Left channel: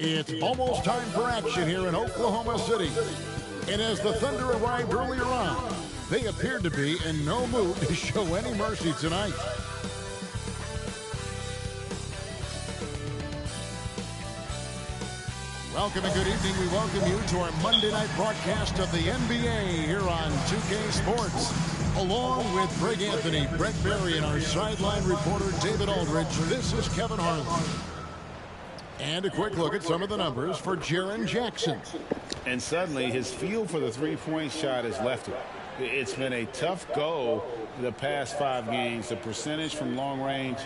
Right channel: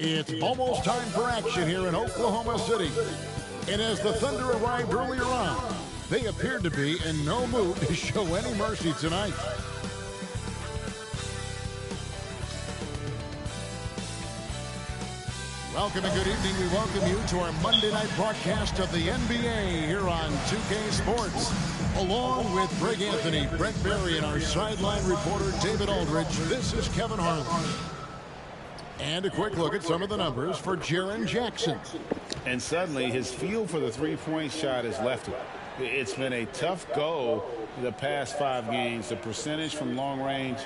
It's almost time for action here in Oklahoma City. And as the Thunder arrived earlier on, they appeared to be in no mood to show any mercy tonight. Welcome and good evening. We welcome you to our Monday night broadcast of the NBA here on 2K Sports. Along with Greg Anthony, Brett Berry, and our sideline reporter David Aldridge, this is Kevin Harlan. And a quick look at some of the numbers for Jaren Jackson. And suddenly his feel for the three-point shot has left him. It's been a tough go the past 5 games. The percentage from long range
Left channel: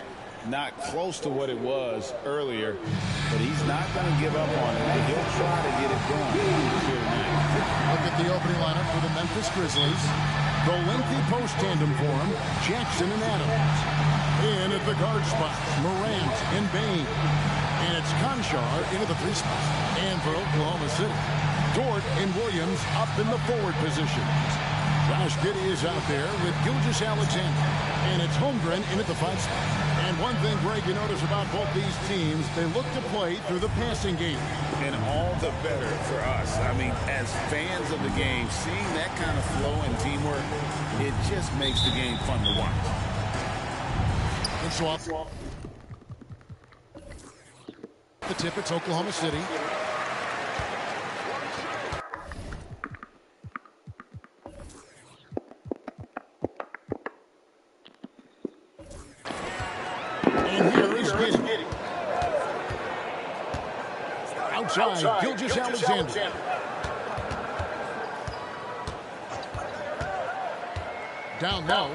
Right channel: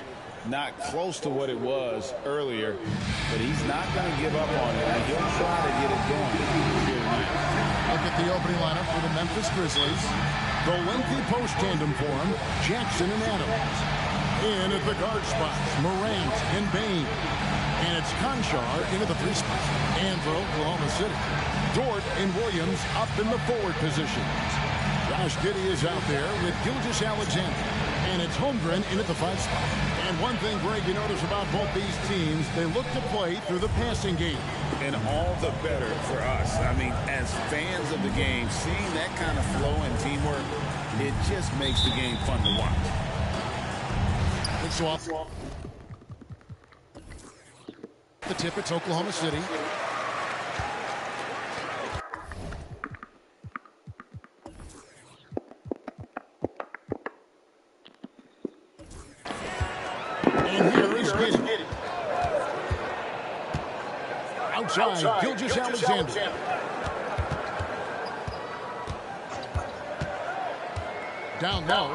not close to what it was earlier, but he's not going to give up on it, and he'll try to get it going here tonight. Look at the opening lineup for the Memphis Grizzlies. The lengthy post tandem for him, Jackson and Adams. In at the guard spots, Morant and Bain. And it's Conchar into the 3 spot. And for Oklahoma City, Dort and Williams up in the forward positions. Josh Giddey is out there with Gilgeous-Alexander. And it's Holmgren in at the 5 spot. And one thing, Greg, you notice about both these teams, they look to play through the passing game. And all the better for us. I mean, as fans of the game, seeing that kind of flow and teamwork, it just makes the game fun to watch. It's off. The tip, it's Oklahoma City. And here is Giddey. Outside, Gilgeous-Alexander. Down low.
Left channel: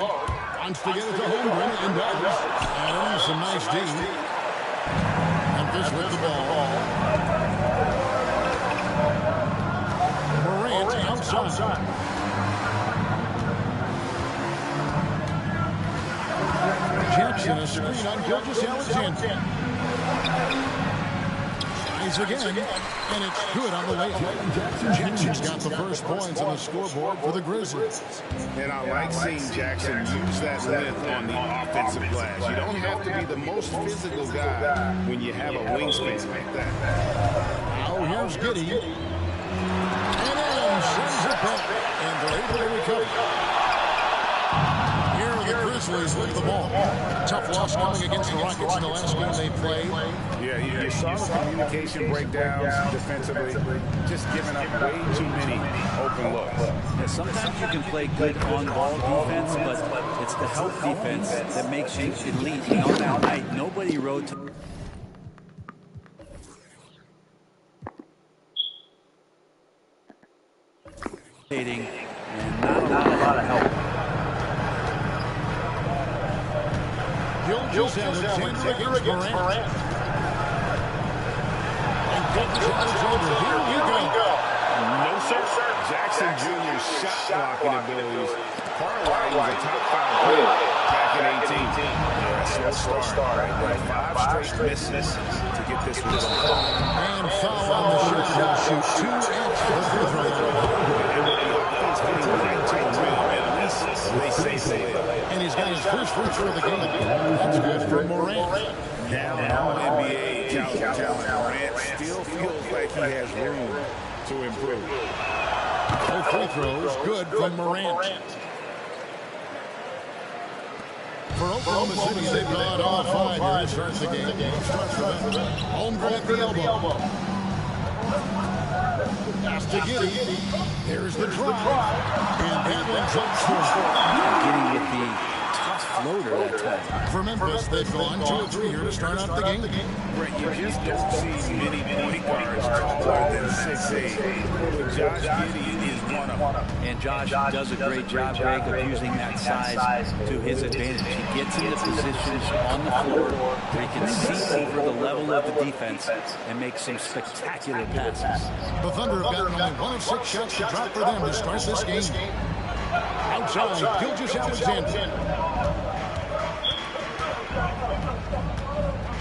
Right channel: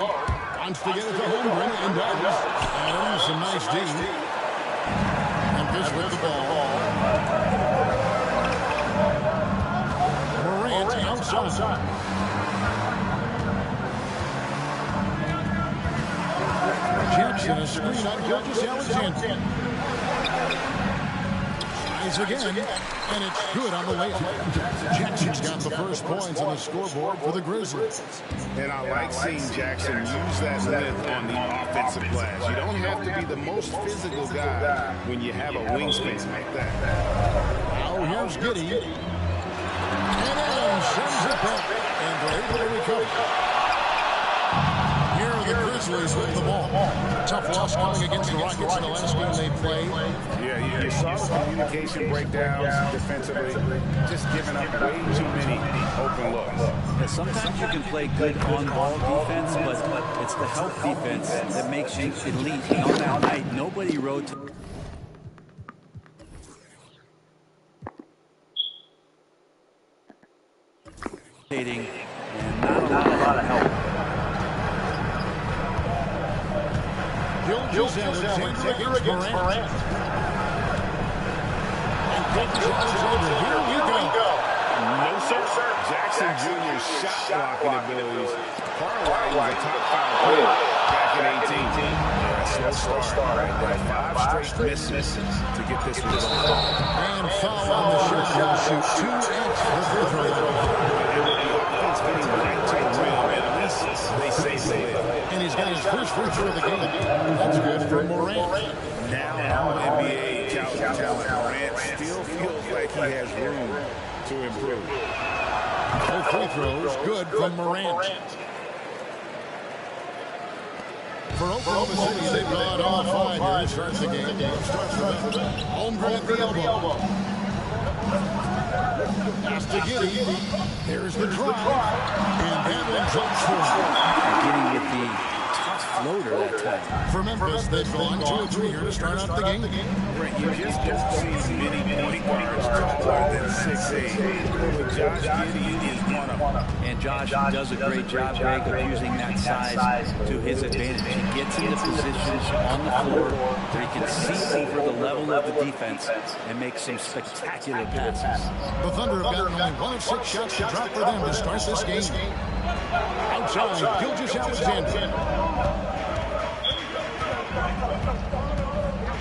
Wants to get it to Holmgren and does. Adams, some nice D. Memphis with the ball. Morant outside. Jackson, a screen on Gilgeous-Alexander. Tries again, and it's good on the layup. Jackson's got the first points on the scoreboard for the Grizzlies. And I like seeing Jackson use that length on the offensive glass. You don't have to be the most physical guy when you have a wingspan like that. Now here's Giddey. And Adams sends it back, and they're able to recover. Here are the Grizzlies with the ball. Tough loss coming against the Rockets in the last game they played. Yeah, you saw the communication breakdowns defensively, just giving up way too many open looks. Yeah, sometimes you can play good on-ball defense, but it's the help defense that makes you elite. And on that night, nobody rotated. And not a lot of help. Gilgeous-Alexander against Morant. And Gilgeous-Alexander, here we go. No, sir. Jackson Jr.'s shot blocking abilities. Parlay was a top 5 player back in 18. Yeah, slow start right there. 5 straight misses to get this one going. And foul on the shot. He'll shoot 2 at the free throw. And with the offense getting right to the rim, at least they say the lid. And he's got his first free throw of the game. That's good for Morant. Now NBA caliber talent, Morant still feels like he has room to improve. Both free throws good from Morant. For Oklahoma City, they've gone all 5 here to start the game. Starts for them. Holmgren at the elbow. Pass to Giddey. There's the drive. And that one drops for him. Giddey with the tough floater that time. For Memphis, they've gone 2 or 3 here to start out the game. Brett, you just don't see many point guards taller than 6'8". But Josh Giddey is one of them. And Josh does a great job, Greg, of using that size to his advantage. He gets into positions on the floor where he can see over the level of the defense and make some spectacular passes. The Thunder have gotten only 1 of 6 shots to drop for them to start this game. Outside, Gilgeous-Alexander.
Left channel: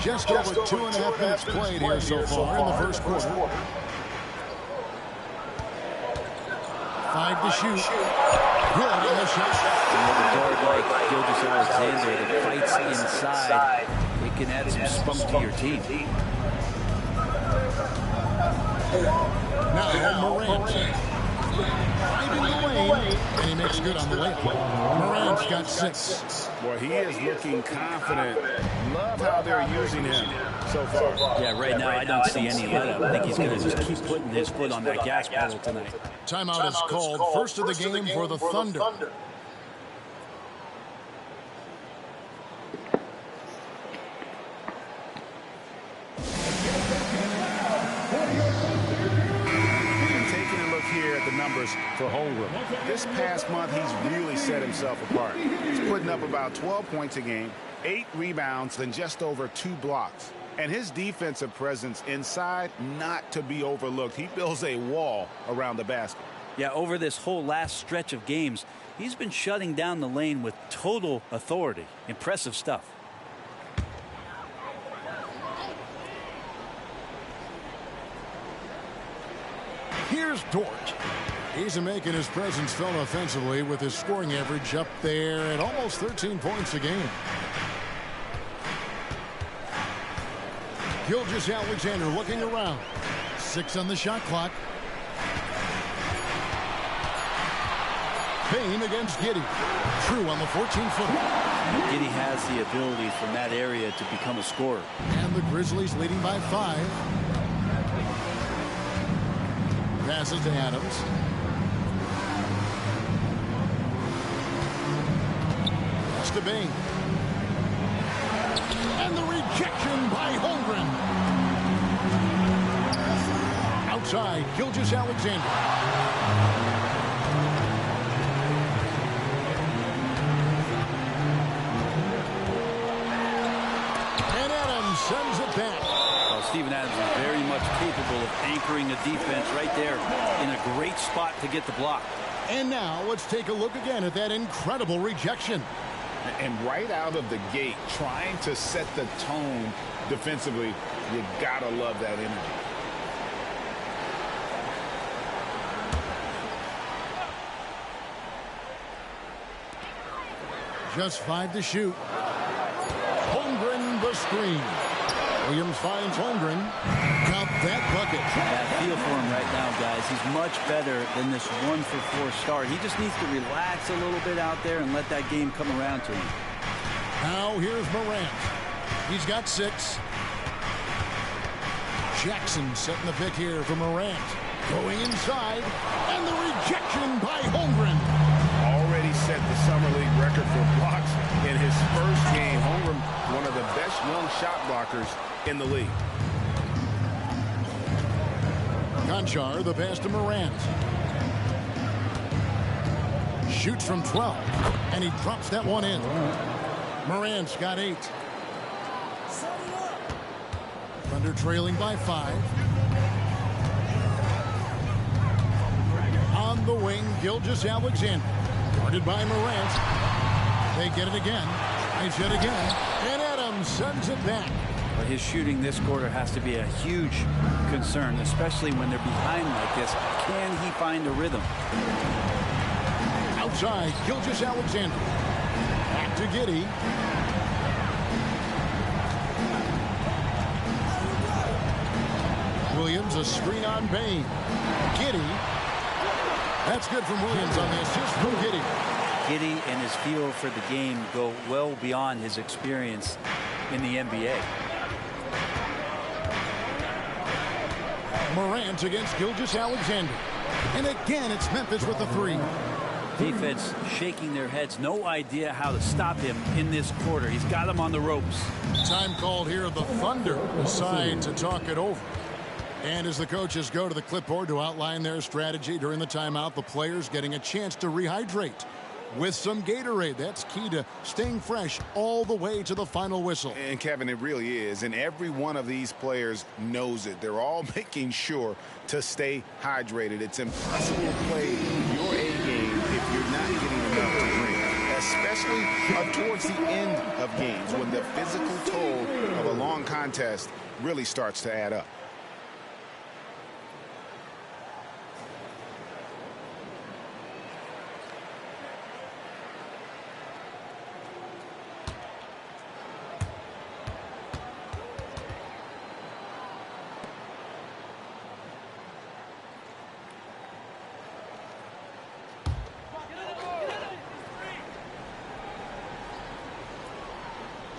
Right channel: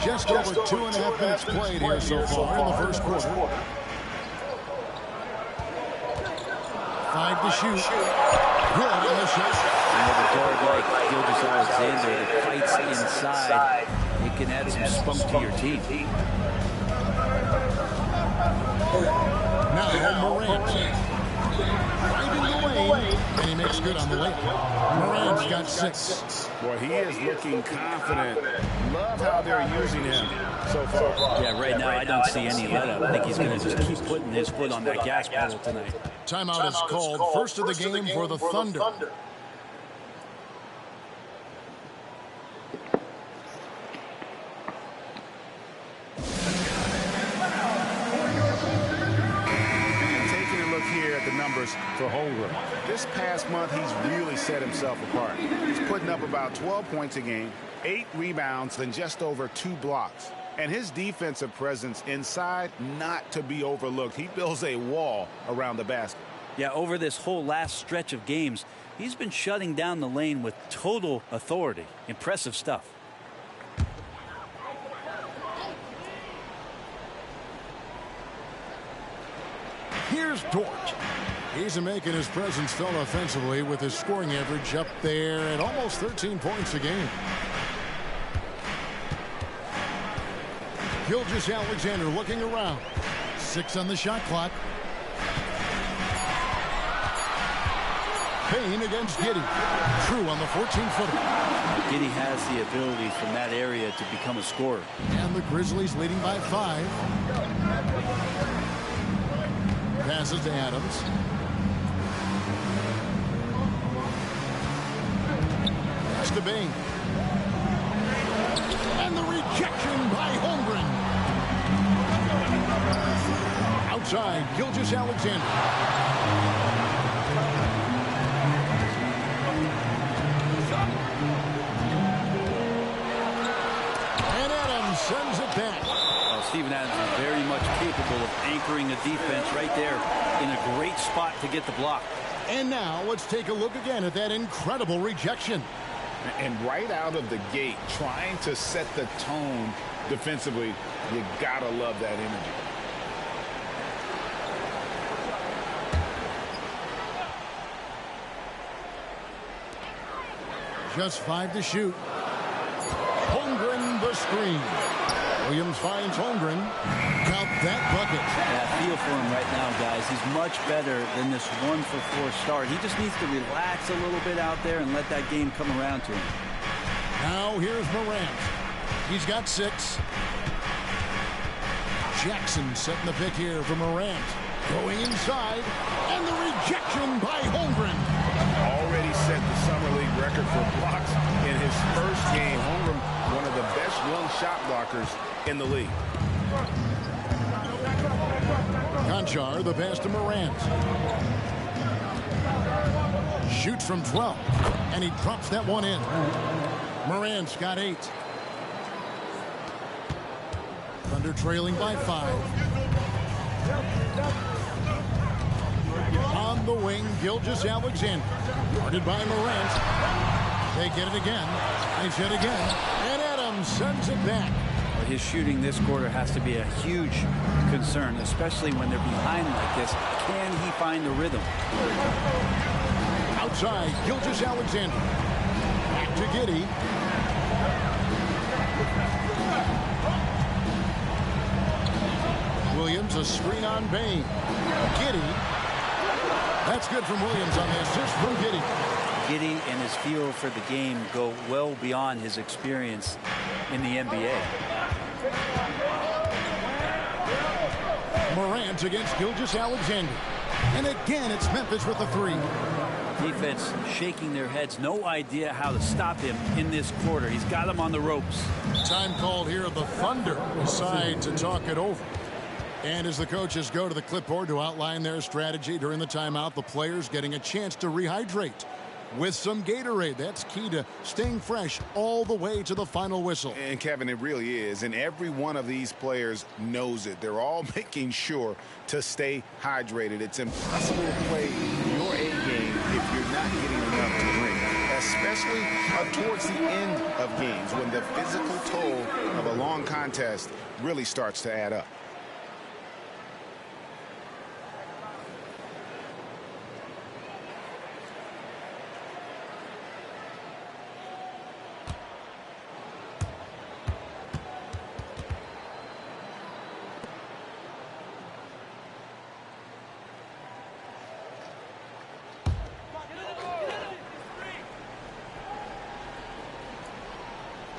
Just over 2.5 minutes played here so far in the first quarter. 5 to shoot. Good on the shot. And with a guard like Gilgeous-Alexander that fights inside, it can add some spunk to your team. Now Morant. Driving the lane, and he makes good on the layup. Morant's got 6. Boy, he is looking confident. Love how they're using him so far. Yeah, right now I don't see any let up. I think he's going to just keep putting his foot on that gas pedal tonight. Timeout is called. First of the game for the Thunder. Here at the numbers for Holmgren. This past month, he's really set himself apart. He's putting up about 12 points a game, 8 rebounds, and just over 2 blocks. And his defensive presence inside, not to be overlooked. He builds a wall around the basket. Yeah, over this whole last stretch of games, he's been shutting down the lane with total authority. Impressive stuff. Here's Dort. He's making his presence felt offensively with his scoring average up there at almost 13 points a game. Gilgeous-Alexander looking around. 6 on the shot clock. Payne against Giddey. True on the 14-footer. Giddey has the ability from that area to become a scorer. And the Grizzlies leading by 5. Passes to Adams. Pass to Bain. And the rejection by Holmgren. Outside, Gilgeous-Alexander. And Adams sends it back. Well, Steven Adams is very much capable of anchoring a defense right there in a great spot to get the block. And now let's take a look again at that incredible rejection. And right out of the gate, trying to set the tone defensively, you gotta love that energy. Just 5 to shoot. Holmgren the screen. Williams finds Holmgren. Count that bucket. Yeah, feel for him right now, guys. He's much better than this 1-for-4 start. He just needs to relax a little bit out there and let that game come around to him. Now here's Morant. He's got 6. Jackson setting the pick here for Morant. Going inside. And the rejection by Holmgren. Already set the Summer League record for blocks in his first game. Holmgren, one of the best young shot blockers in the league. Conchar, the pass to Morant. Shoots from 12. And he drops that one in. Morant's got 8. Thunder trailing by 5. On the wing, Gilgeous-Alexander. Guarded by Morant. They get it again. Nice hit again. And Adams sends it back. Well, his shooting this quarter has to be a huge concern, especially when they're behind like this. Can he find a rhythm? Outside, Gilgeous-Alexander. Back to Giddey. Williams, a screen on Bain. Giddey. That's good from Williams on the assist from Giddey. Giddey and his feel for the game go well beyond his experience in the NBA. Morant against Gilgeous-Alexander. And again, it's Memphis with the 3. Defense shaking their heads. No idea how to stop him in this quarter. He's got him on the ropes. Time called here. The Thunder decide to talk it over. And as the coaches go to the clipboard to outline their strategy during the timeout, the players getting a chance to rehydrate with some Gatorade. That's key to staying fresh all the way to the final whistle. And Kevin, it really is. And every one of these players knows it. They're all making sure to stay hydrated. It's impossible to play your A game if you're not getting enough to drink, especially towards the end of games when the physical toll of a long contest really starts to add up.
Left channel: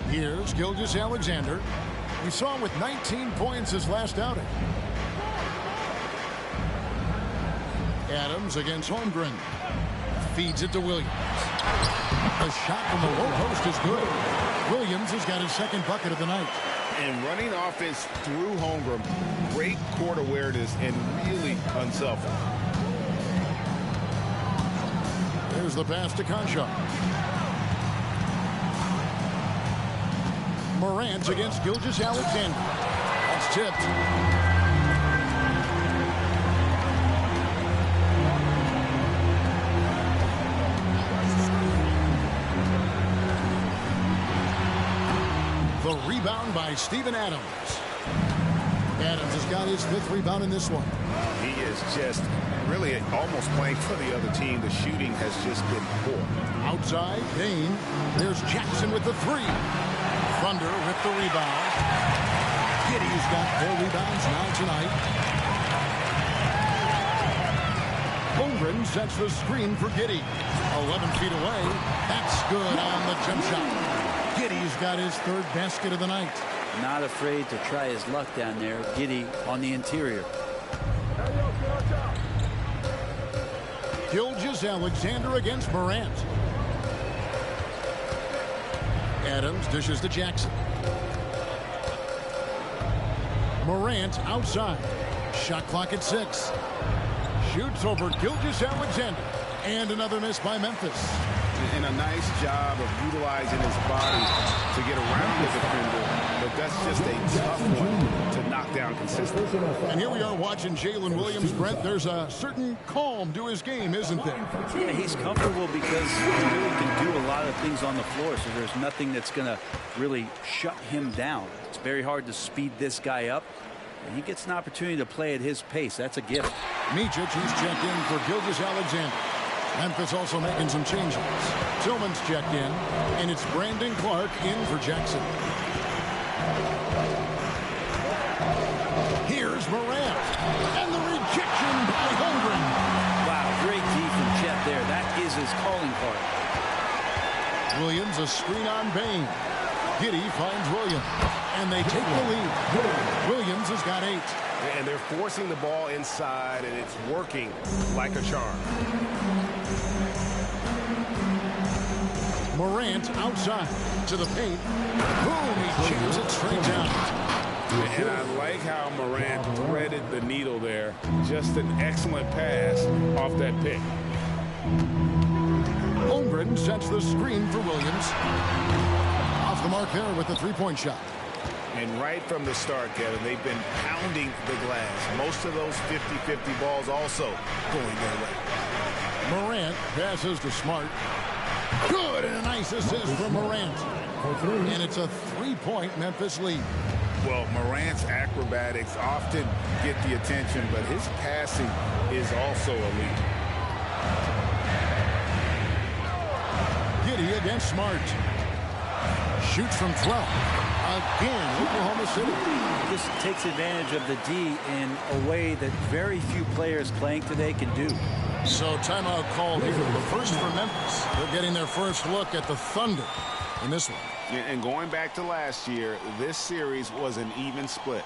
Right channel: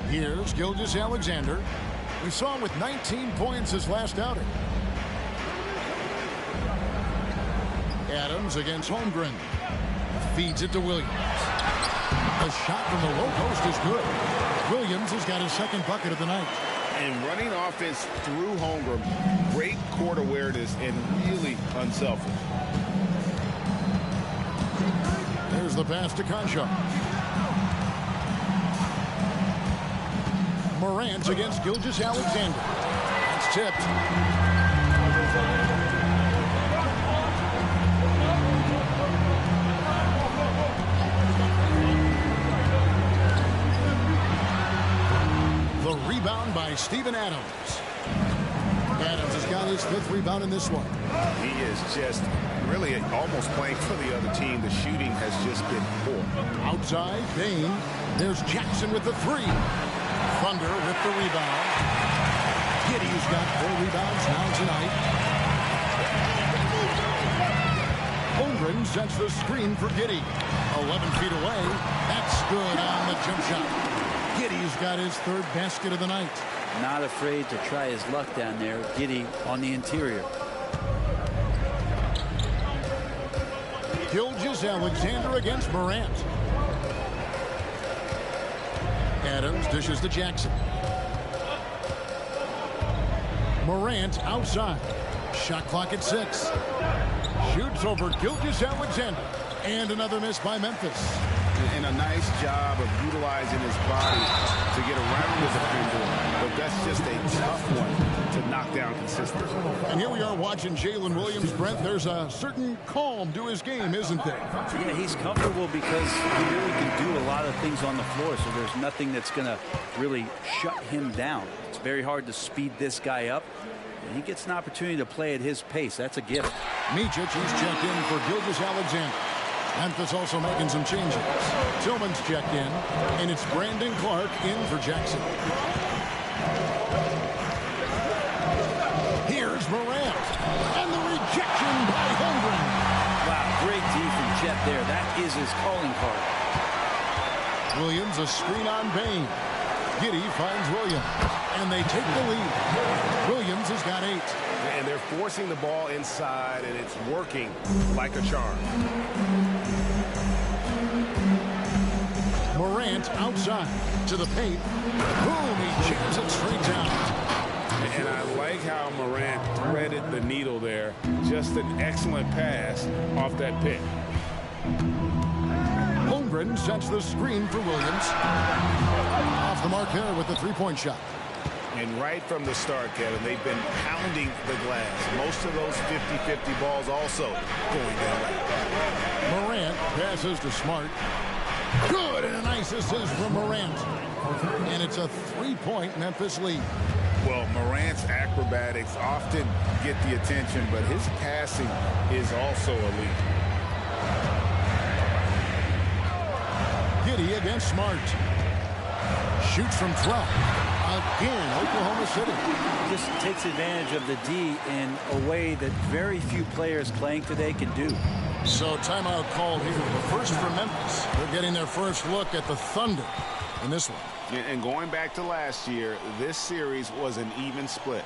Here's Gilgeous-Alexander. We saw him with 19 points his last outing. Adams against Holmgren. Feeds it to Williams. The shot from the low post is good. Williams has got his second bucket of the night. And running offense through Holmgren, great court awareness and really unselfish. There's the pass to Concha. Morant against Gilgeous-Alexander. That's tipped. The rebound by Steven Adams. Adams has got his 5th rebound in this one. He is just really almost playing for the other team. The shooting has just been poor. Outside, Bain. There's Jackson with the 3. Thunder with the rebound. Giddey's got 4 rebounds now tonight. Holmgren sets the screen for Giddey. 11 feet away. That's good on the jump shot. Giddey's got his 3rd basket of the night. Not afraid to try his luck down there. Giddey on the interior. Gilgeous-Alexander against Morant. Adams dishes to Jackson. Morant outside. Shot clock at 6. Shoots over Gilgeous-Alexander. And another miss by Memphis. And a nice job of utilizing his body to get around the defender, but that's just a tough one to knock down consistently. And here we are watching Jalen Williams. Brent, there's a certain calm to his game, isn't there? Yeah, he's comfortable because he really can do a lot of things on the floor, so there's nothing that's going to really shut him down. It's very hard to speed this guy up, and he gets an opportunity to play at his pace. That's a gift. Micic, he's checked in for Gilgeous-Alexander. Memphis also making some changes. Tillman's checked in, and it's Brandon Clark in for Jackson. Here's Morant, and the rejection by Holmgren. Wow, great D from Chet there. That is his calling card. Williams, a screen on Bain. Giddey finds Williams, and they take the lead. Williams has got 8. And they're forcing the ball inside, and it's working like a charm. Morant outside to the paint. Boom, he jams it straight down. And I like how Morant threaded the needle there. Just an excellent pass off that pick. Holmgren sets the screen for Williams. Off the mark there with the 3-point shot. And right from the start, Kevin, they've been pounding the glass. Most of those 50-50 balls also going their way. Morant passes to Smart. Good, and a nice assist from Morant. And it's a 3-point Memphis lead. Well, Morant's acrobatics often get the attention, but his passing is also elite. Giddey against Smart. Shoots from 12. Again, Oklahoma City. This takes advantage of the D in a way that very few players playing today can do. So timeout called here. But first for Memphis. They're getting their first look at the Thunder in this one. And going back to last year, this series was an even split.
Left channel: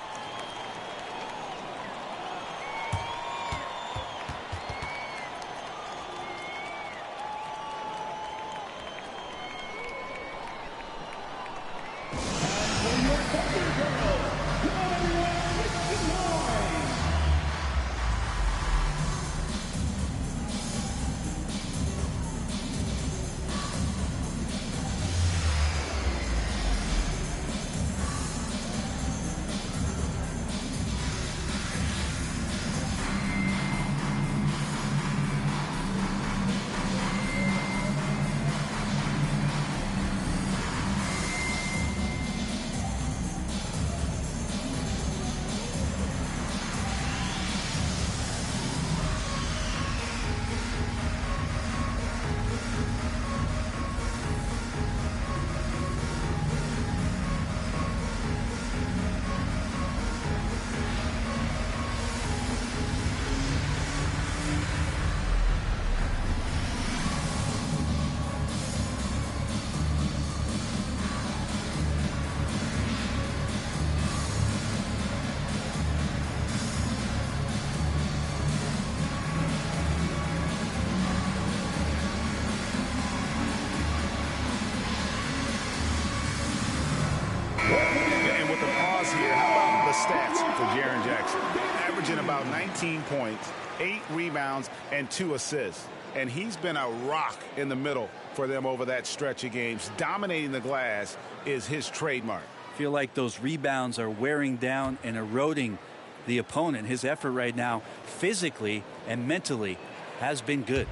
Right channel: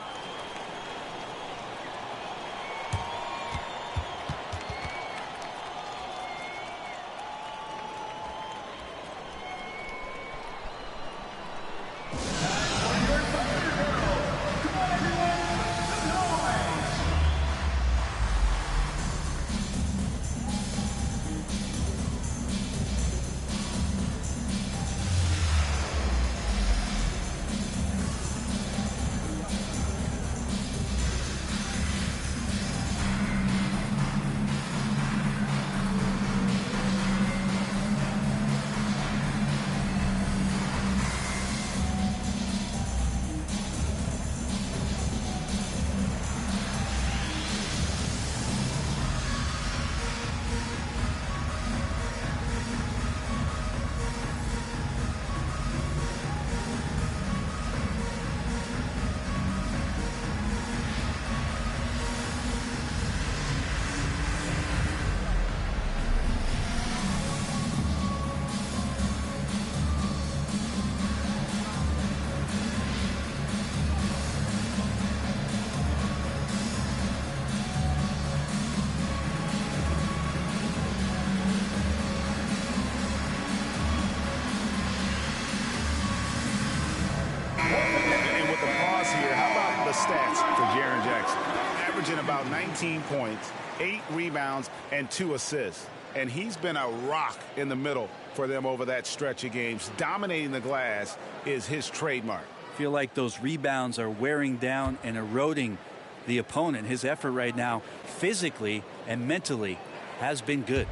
here. How about the stats for Jaren Jackson? Averaging about 19 points, 8 rebounds, and 2 assists. And he's been a rock in the middle for them over that stretch of games. Dominating the glass is his trademark. Feel like those rebounds are wearing down and eroding the opponent. His effort right now, physically and mentally, has been good.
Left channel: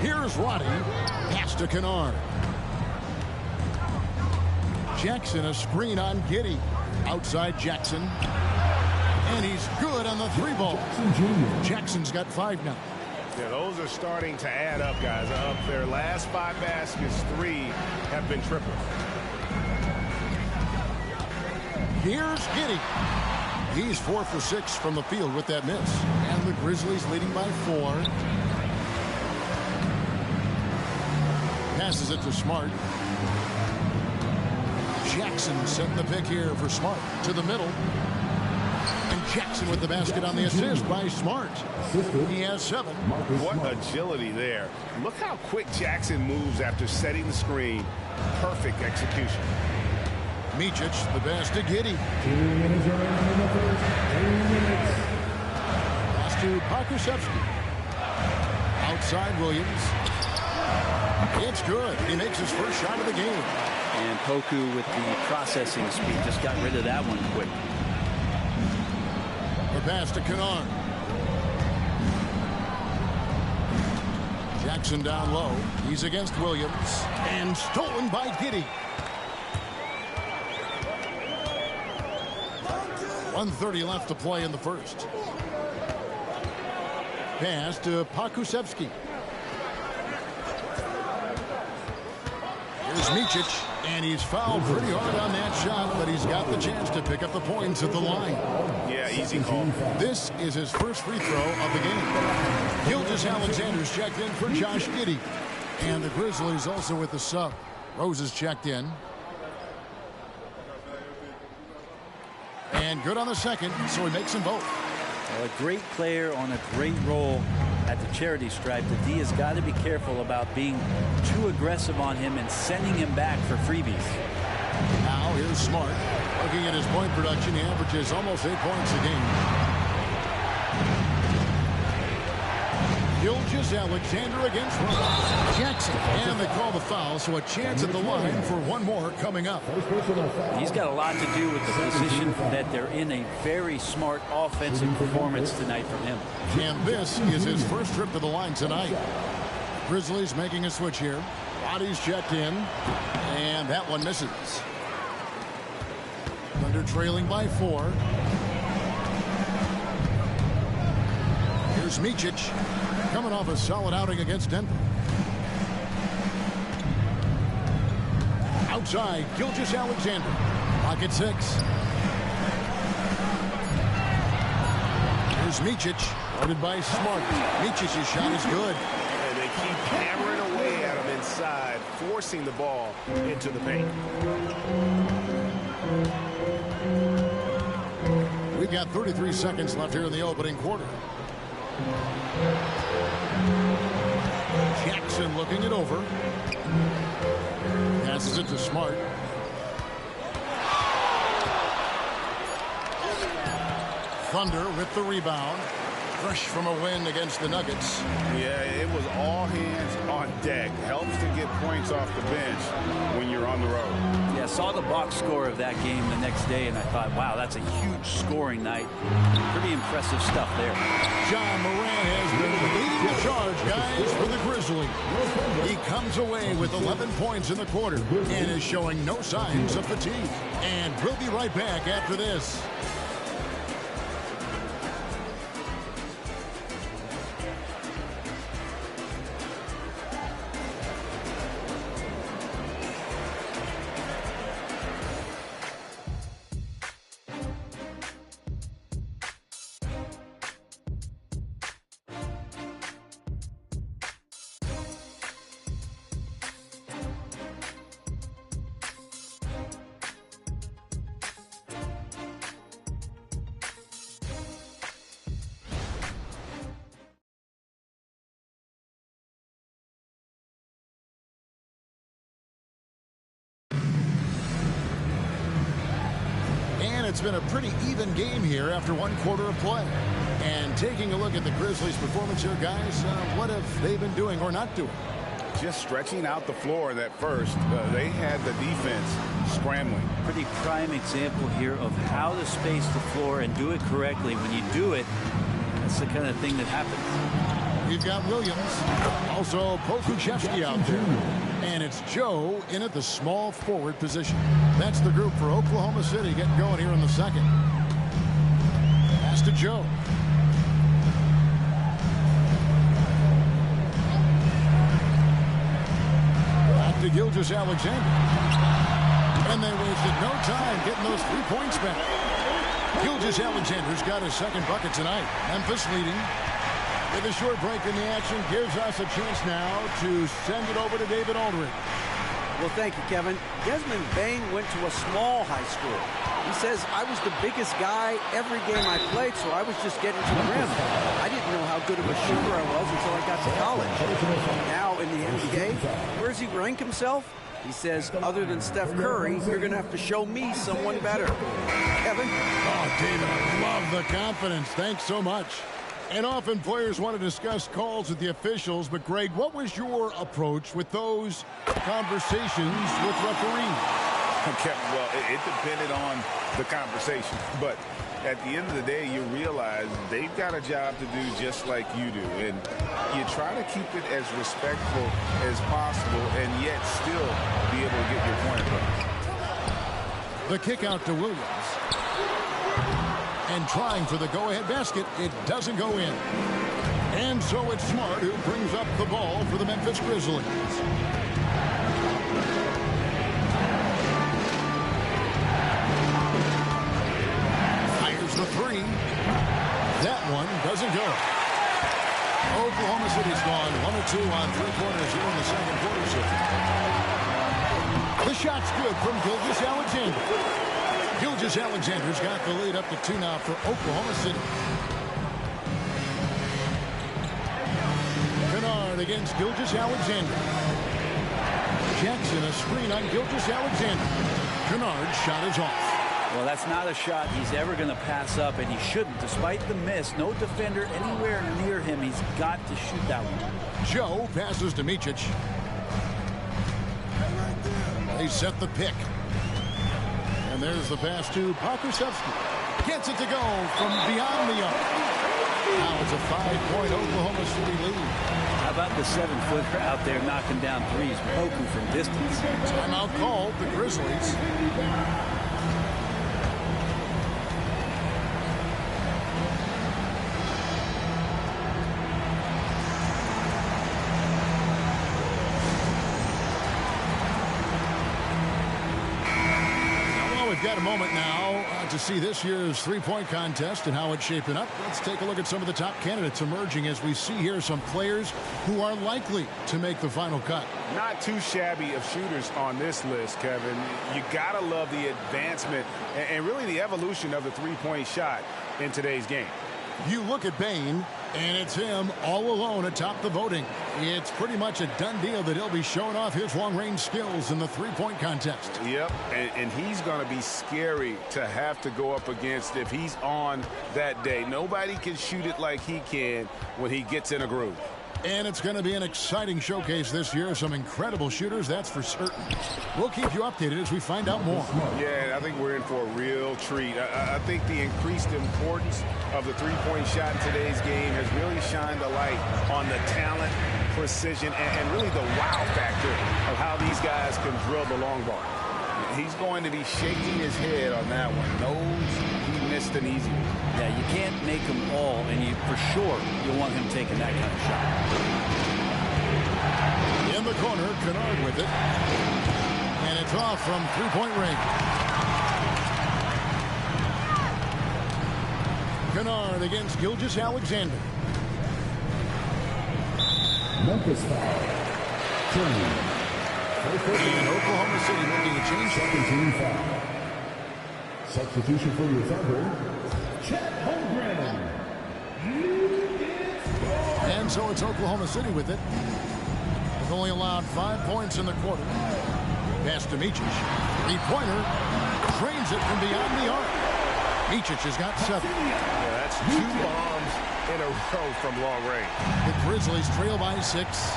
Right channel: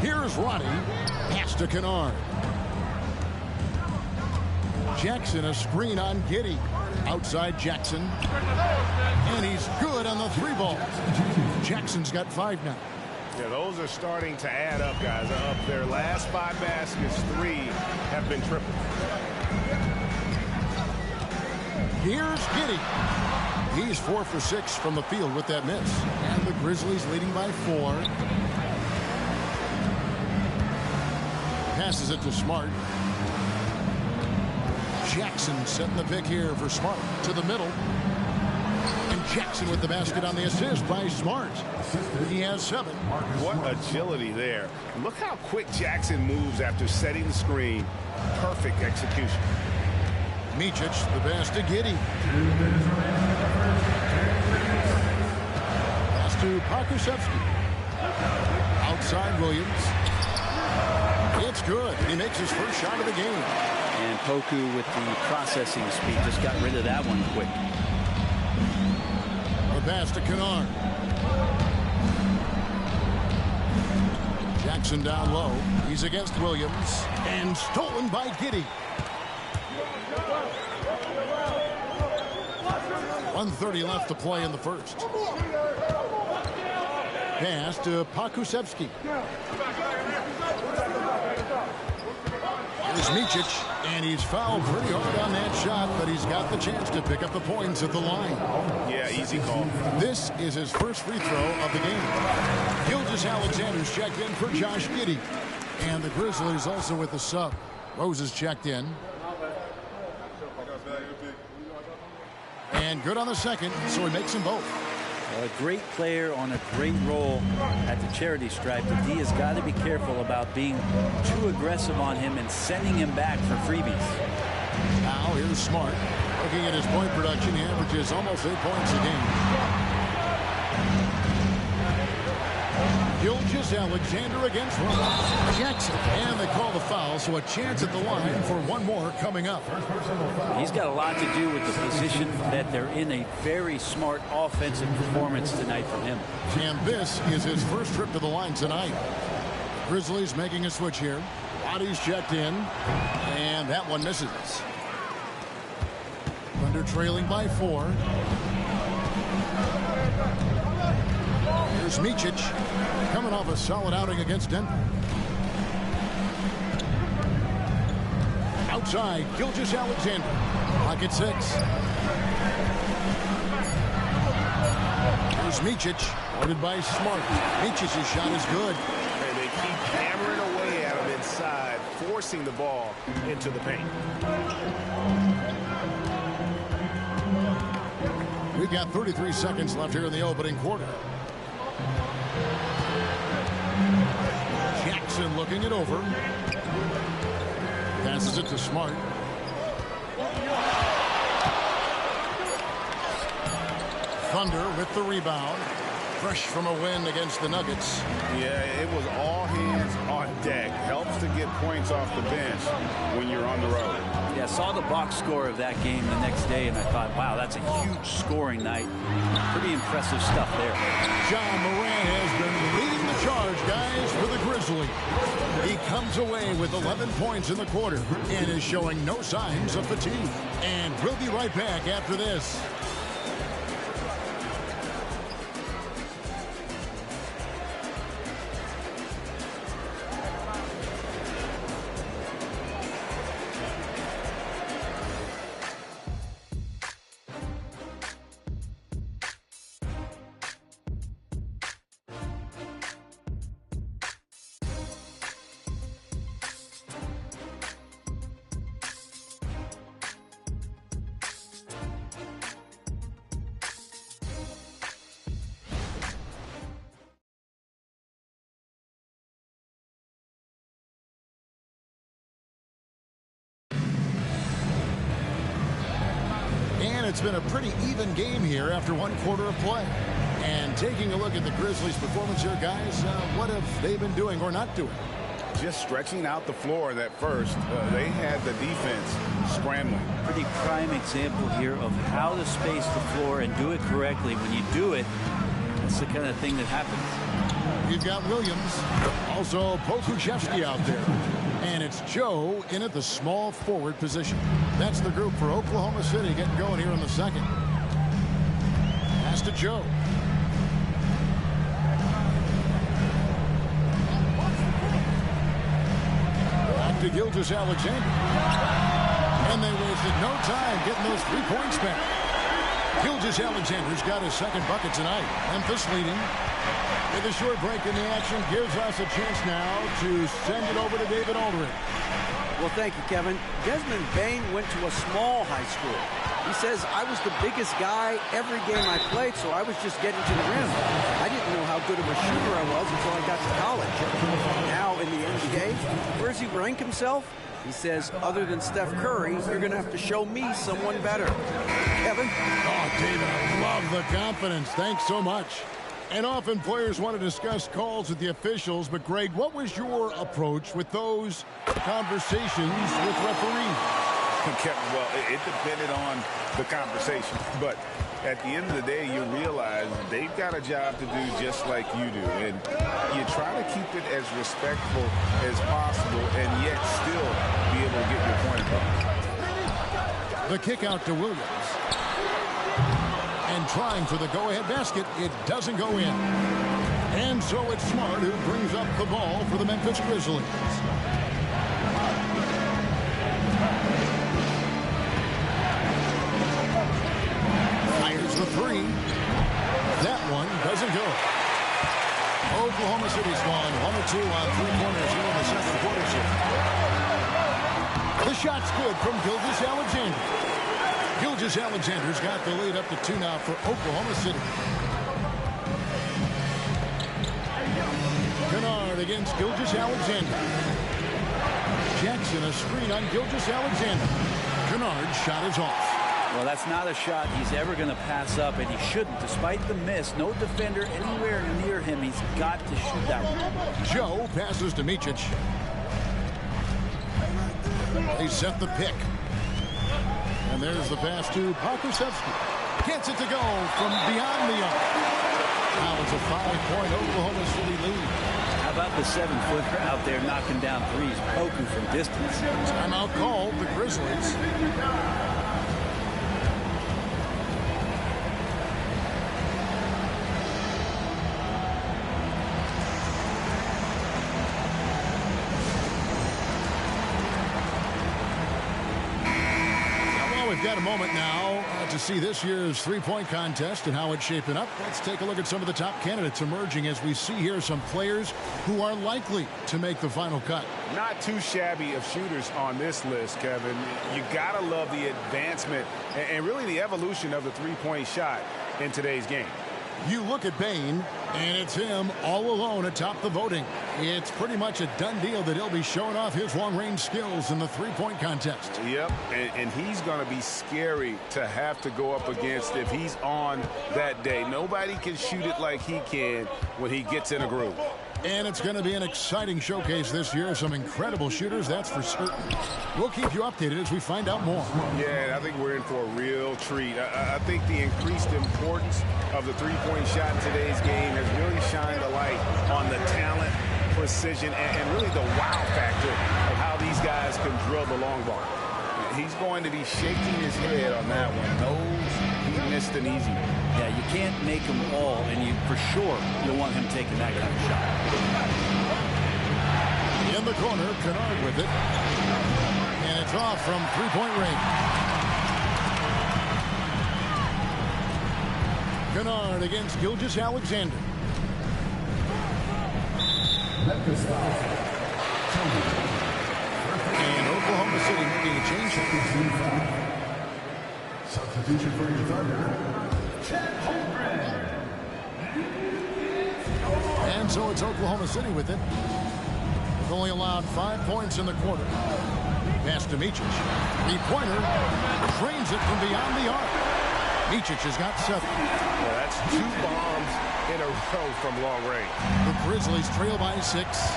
Here's Roddy. Pass to Kennard. Jackson, a screen on Giddey. Outside Jackson. And he's good on the 3-ball. Jackson's got 5 now. Yeah, those are starting to add up, guys. Up their last 5 baskets, 3 have been triples. Here's Giddey. He's 4 for 6 from the field with that miss. And the Grizzlies leading by 4. Passes it to Smart. Jackson setting the pick here for Smart. To the middle. And Jackson with the basket on the assist by Smart. He has 7. What agility there. Look how quick Jackson moves after setting the screen. Perfect execution. Micic, the pass to Giddey. Pass to Pokusevski. Outside Williams. It's good. He makes his first shot of the game. And Poku with the processing speed just got rid of that one quick. The pass to Kennard. Jackson down low. He's against Williams. And stolen by Giddey. 1:30 left to play in the first. Pass to Pokusevski. Here's Micic, and he's fouled pretty hard on that shot, but he's got the chance to pick up the points at the line. Yeah, easy call. This is his first free throw of the game. Gilgeous-Alexander's checked in for Josh Giddey. And the Grizzlies also with the sub. Rose is checked in. And good on the second, so he makes them both. A great player on a great role at the charity stripe. The D has got to be careful about being too aggressive on him and sending him back for freebies. Now here's Smart. Looking at his point production, he averages almost 8 points a game. Gilgeous-Alexander against Rose. Jackson. And they call the foul, so a chance at the line for one more coming up. He's got a lot to do with the position that they're in. A very smart offensive performance tonight from him. And this is his first trip to the line tonight. Grizzlies making a switch here. Roddy's checked in. And that one misses. Thunder trailing by 4. Here's Micic. Coming off a solid outing against Denver. Outside, Gilgeous-Alexander. Clock at 6. Here's Micic. Loaded by Smart. Micic's shot is good. And they keep hammering away at him inside, forcing the ball into the paint. We've got 33 seconds left here in the opening quarter. Jackson looking it over. Passes it to Smart. Thunder with the rebound. Fresh from a win against the Nuggets. Yeah, it was all hands on deck. Helps to get points off the bench when you're on the road. Yeah, saw the box score of that game the next day, and I thought, wow, that's a huge scoring night. Pretty impressive stuff there. John Moran has been leading the charge, guys, for the Grizzlies. He comes away with 11 points in the quarter and is showing no signs of fatigue. And we'll be right back after this. And it's been a pretty even game here after one quarter of play. And taking a look at the Grizzlies' performance here, guys, what have they been doing or not doing? Just stretching out the floor in that first. They had the defense scrambling. Pretty prime example here of how to space the floor and do it correctly. When you do it, that's the kind of thing that happens. We've got Williams, also Pokuševski out there. And it's Joe in at the small forward position. That's the group for Oklahoma City getting going here in the second. Pass to Joe. Back to Gilgeous-Alexander. And they wasted no time getting those 3 points back. Gilgeous-Alexander's got his second bucket tonight. Memphis leading. With a short break in the action, gives us a chance now to send it over to David Aldridge. Well, thank you, Kevin. Desmond Bane went to a small high school. He says, I was the biggest guy every game I played, so I was just getting to the rim. I didn't know how good of a shooter I was until I got to college. Now in the NBA, where does he rank himself? He says, other than Steph Curry, you're going to have to show me someone better. Kevin? Oh, David, I love the confidence. Thanks so much. And often players want to discuss calls with the officials, but Greg, what was your approach with those conversations with referees? Kevin, well, it depended on the conversation, but at the end of the day, you realize they've got a job to do just like you do, and you try to keep it as respectful as possible and yet still be able to get your point across. The kick out to Williams. And trying for the go-ahead basket, it doesn't go in. And so it's Smart who brings up the ball for the Memphis Grizzlies. Fires the three. That one doesn't go. Oklahoma City's gone 1 or 2 on 3 pointers here in the second quarter. The shot's good from Gilgeous-Alexander. Gilgeous-Alexander's got the lead up to 2 now for Oklahoma City. Kennard against Gilgeous-Alexander. Jackson a screen on Gilgeous-Alexander. Kennard's shot is off. Well, that's not a shot he's ever going to pass up, and he shouldn't. Despite the miss, no defender anywhere near him. He's got to shoot that one. Joe passes to Micic. They set the pick. And there's the pass to Pokuševski. Gets it to go from beyond the arc. Now it's a 5-point Oklahoma City lead. How about the 7-footer out there knocking down threes? Poku from distance. Timeout called, the Grizzlies. We've got a moment now to see this year's three-point contest and how it's shaping up. Let's take a look at some of the top candidates emerging as we see here some players who are likely to make the final cut. Not too shabby of shooters on this list, Kevin. You got to love the advancement and really the evolution of the three-point shot in today's game. You look at Bane, and it's him all alone atop the voting. It's pretty much a done deal that he'll be showing off his long-range skills in the three-point contest. Yep, and he's going to be scary to have to go up against if he's on that day. Nobody can shoot it like he can when he gets in a groove. And it's going to be an exciting showcase this year. Some incredible shooters, that's for certain. We'll keep you updated as we find out more. Yeah, I think we're in for a real treat. I think the increased importance of the three-point shot in today's game has really shined a light on the talent, precision, and really the wow factor of how these guys can drill the long ball. He's going to be shaking his head on that one. Knows he missed an easy one. Yeah, you can't make them all, and for sure you'll want him taking that kind of shot. In the corner, Kennard with it. And it's off from three-point range. Kennard against Gilgeous-Alexander. Memphis foul. And Oklahoma City making a change. Substitution for your Thunder, Chet Holmgren. And so it's Oklahoma City with it. They've only allowed 5 points in the quarter. Pass to Micic. Three-pointer. Trains it from beyond the arc. Micic has got 7. Yeah, that's 2 bombs in a row from long range. The Grizzlies trail by 6.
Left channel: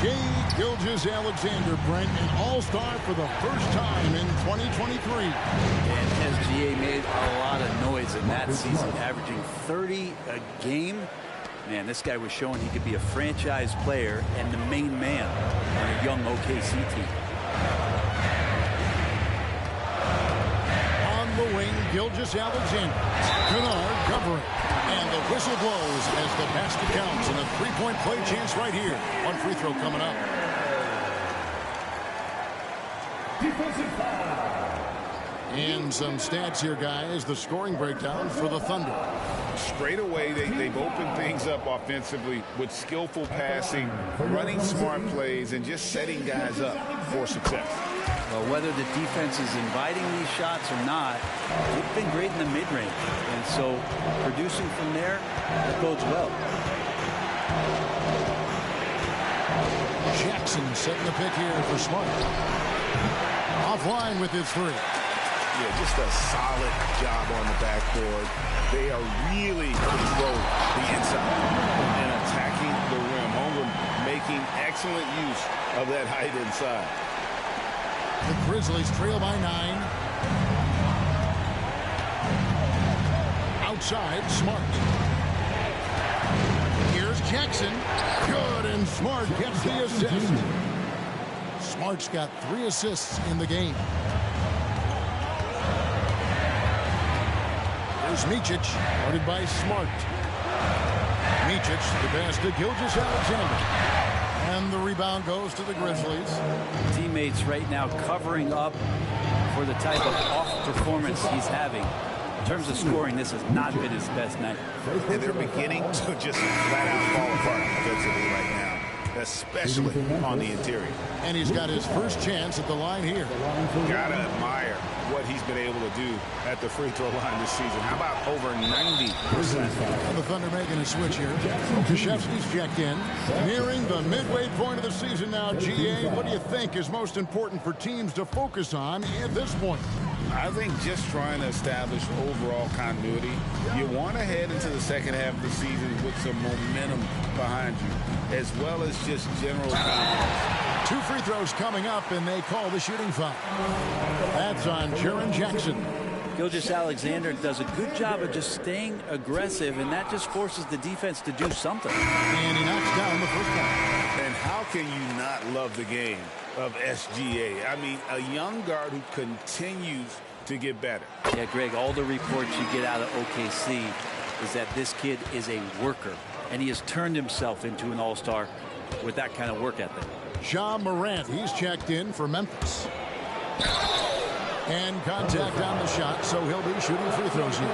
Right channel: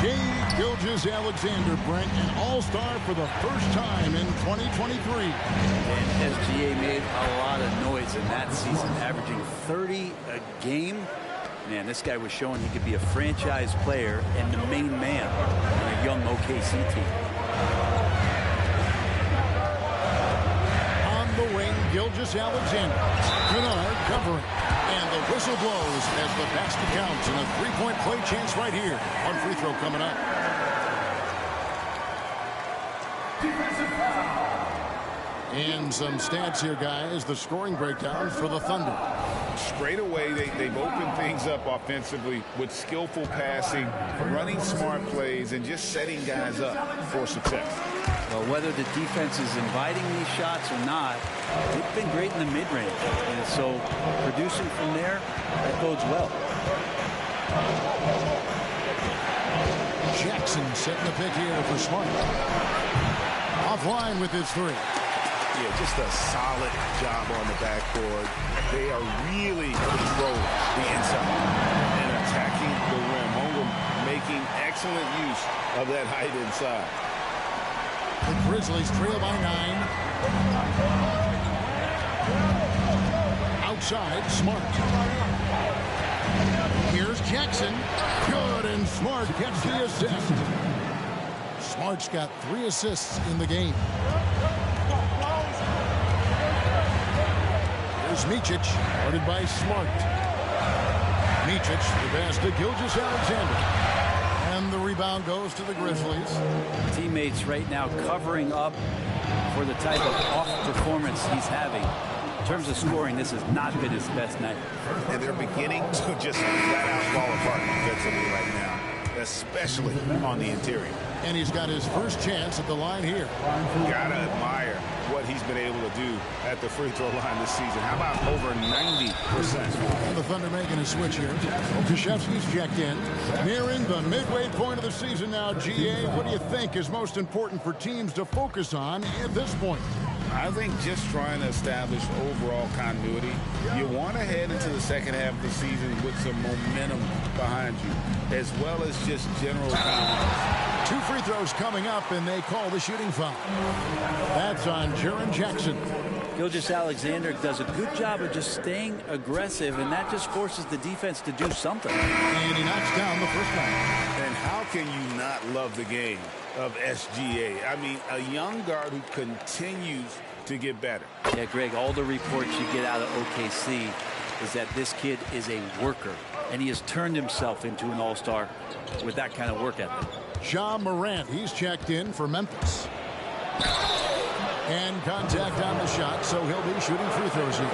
Shai Gilgeous-Alexander, Brent, an all-star for the first time in 2023. And SGA made a lot of noise in that season, averaging 30 a game. Man, this guy was showing he could be a franchise player and the main man on a young OKC team. On the wing, Gilgeous-Alexander. Kennard covering. And the whistle blows as the basket counts, and a 3-point play chance right here. One free throw coming up. Defensive foul. And some stats here, guys. The scoring breakdown for the Thunder. Straight away, they've opened things up offensively with skillful passing, running smart plays, and just setting guys up for success. Well, whether the defense is inviting these shots or not, they've been great in the mid-range. And so producing from there, that bodes well. Jackson setting the pick here for Smart. Offline with his 3. Yeah, just a solid job on the backboard. They are really controlling the inside and attacking the rim. Holmgren making excellent use of that height inside. The Grizzlies trail by 9. Outside, Smart. Here's Jackson. Good, and Smart gets the assist. Smart's got 3 assists in the game. Here's Micic, guarded by Smart. Micic, the pass to Gilgeous-Alexander. And the rebound goes to the Grizzlies. Teammates right now covering up for the type of off performance he's having. In terms of scoring, this has not been his best night. And they're beginning to just flat out fall apart defensively right now, especially on the interior. And he's got his first chance at the line here. Gotta admire what he's been able to do at the free throw line this season. How about over 90%? And the Thunder making a switch here. Okashevsky's checked in. Nearing the midway point of the season now, GA. What do you think is most important for teams to focus on at this point? I think just trying to establish overall continuity. You want to head into the second half of the season with some momentum behind you, as well as just general confidence. 2 free throws coming up, and they call the shooting foul. That's on Jaren Jackson. Gilgeous-Alexander does a good job of just staying aggressive, and that just forces the defense to do something. And he knocks down the first one. And how can you not love the game of SGA? I mean, a young guard who continues to get better. Yeah, Greg, all the reports you get out of OKC is that this kid is a worker, and he has turned himself into an all-star with that kind of work ethic. Ja Morant, he's checked in for Memphis. And contact on the shot, so he'll be shooting free throws here.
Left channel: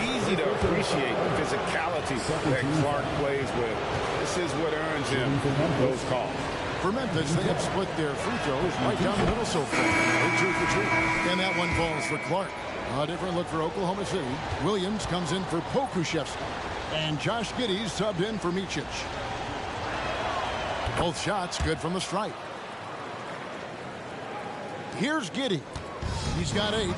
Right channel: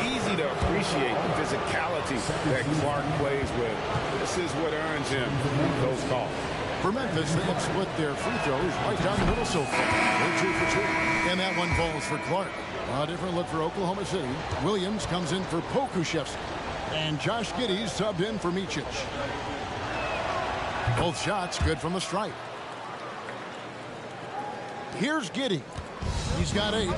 Easy to appreciate the physicality that Clark plays with. This is what earns him those calls. For Memphis, they have split their free throws right down the middle so far. They're 2 for 2. And that one falls for Clark. A different look for Oklahoma City. Williams comes in for Pokuševski. And Josh Giddey's subbed in for Micic. Both shots good from the stripe. Here's Giddey. He's got 8.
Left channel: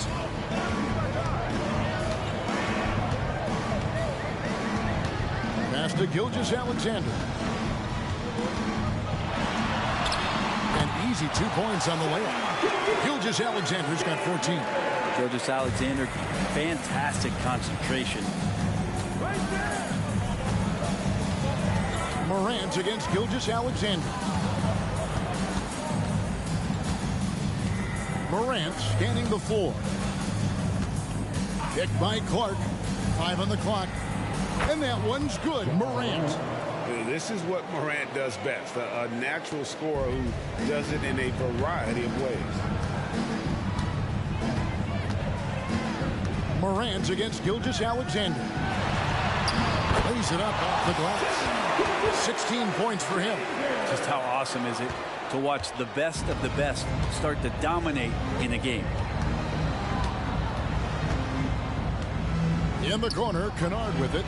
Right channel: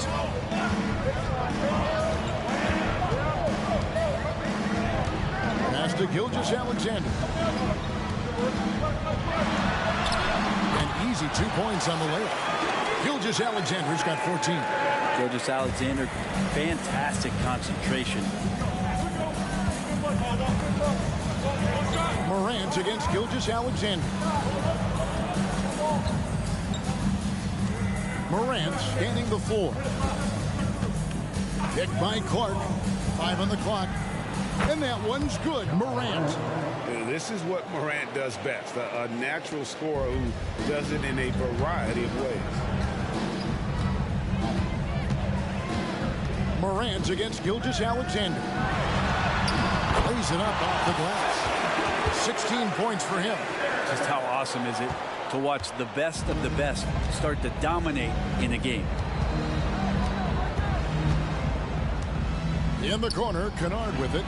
Pass to Gilgeous-Alexander. An easy 2 points on the layup. Gilgeous-Alexander's got 14. Gilgeous-Alexander, fantastic concentration. Morant against Gilgeous-Alexander. Morant scanning the floor. Picked by Clark. 5 on the clock. And that one's good. Morant. This is what Morant does best. A natural scorer who does it in a variety of ways. Morant against Gilgeous-Alexander. Lays it up off the glass. 16 points for him. Just how awesome is it to watch the best of the best start to dominate in a game. In the corner, Kennard with it.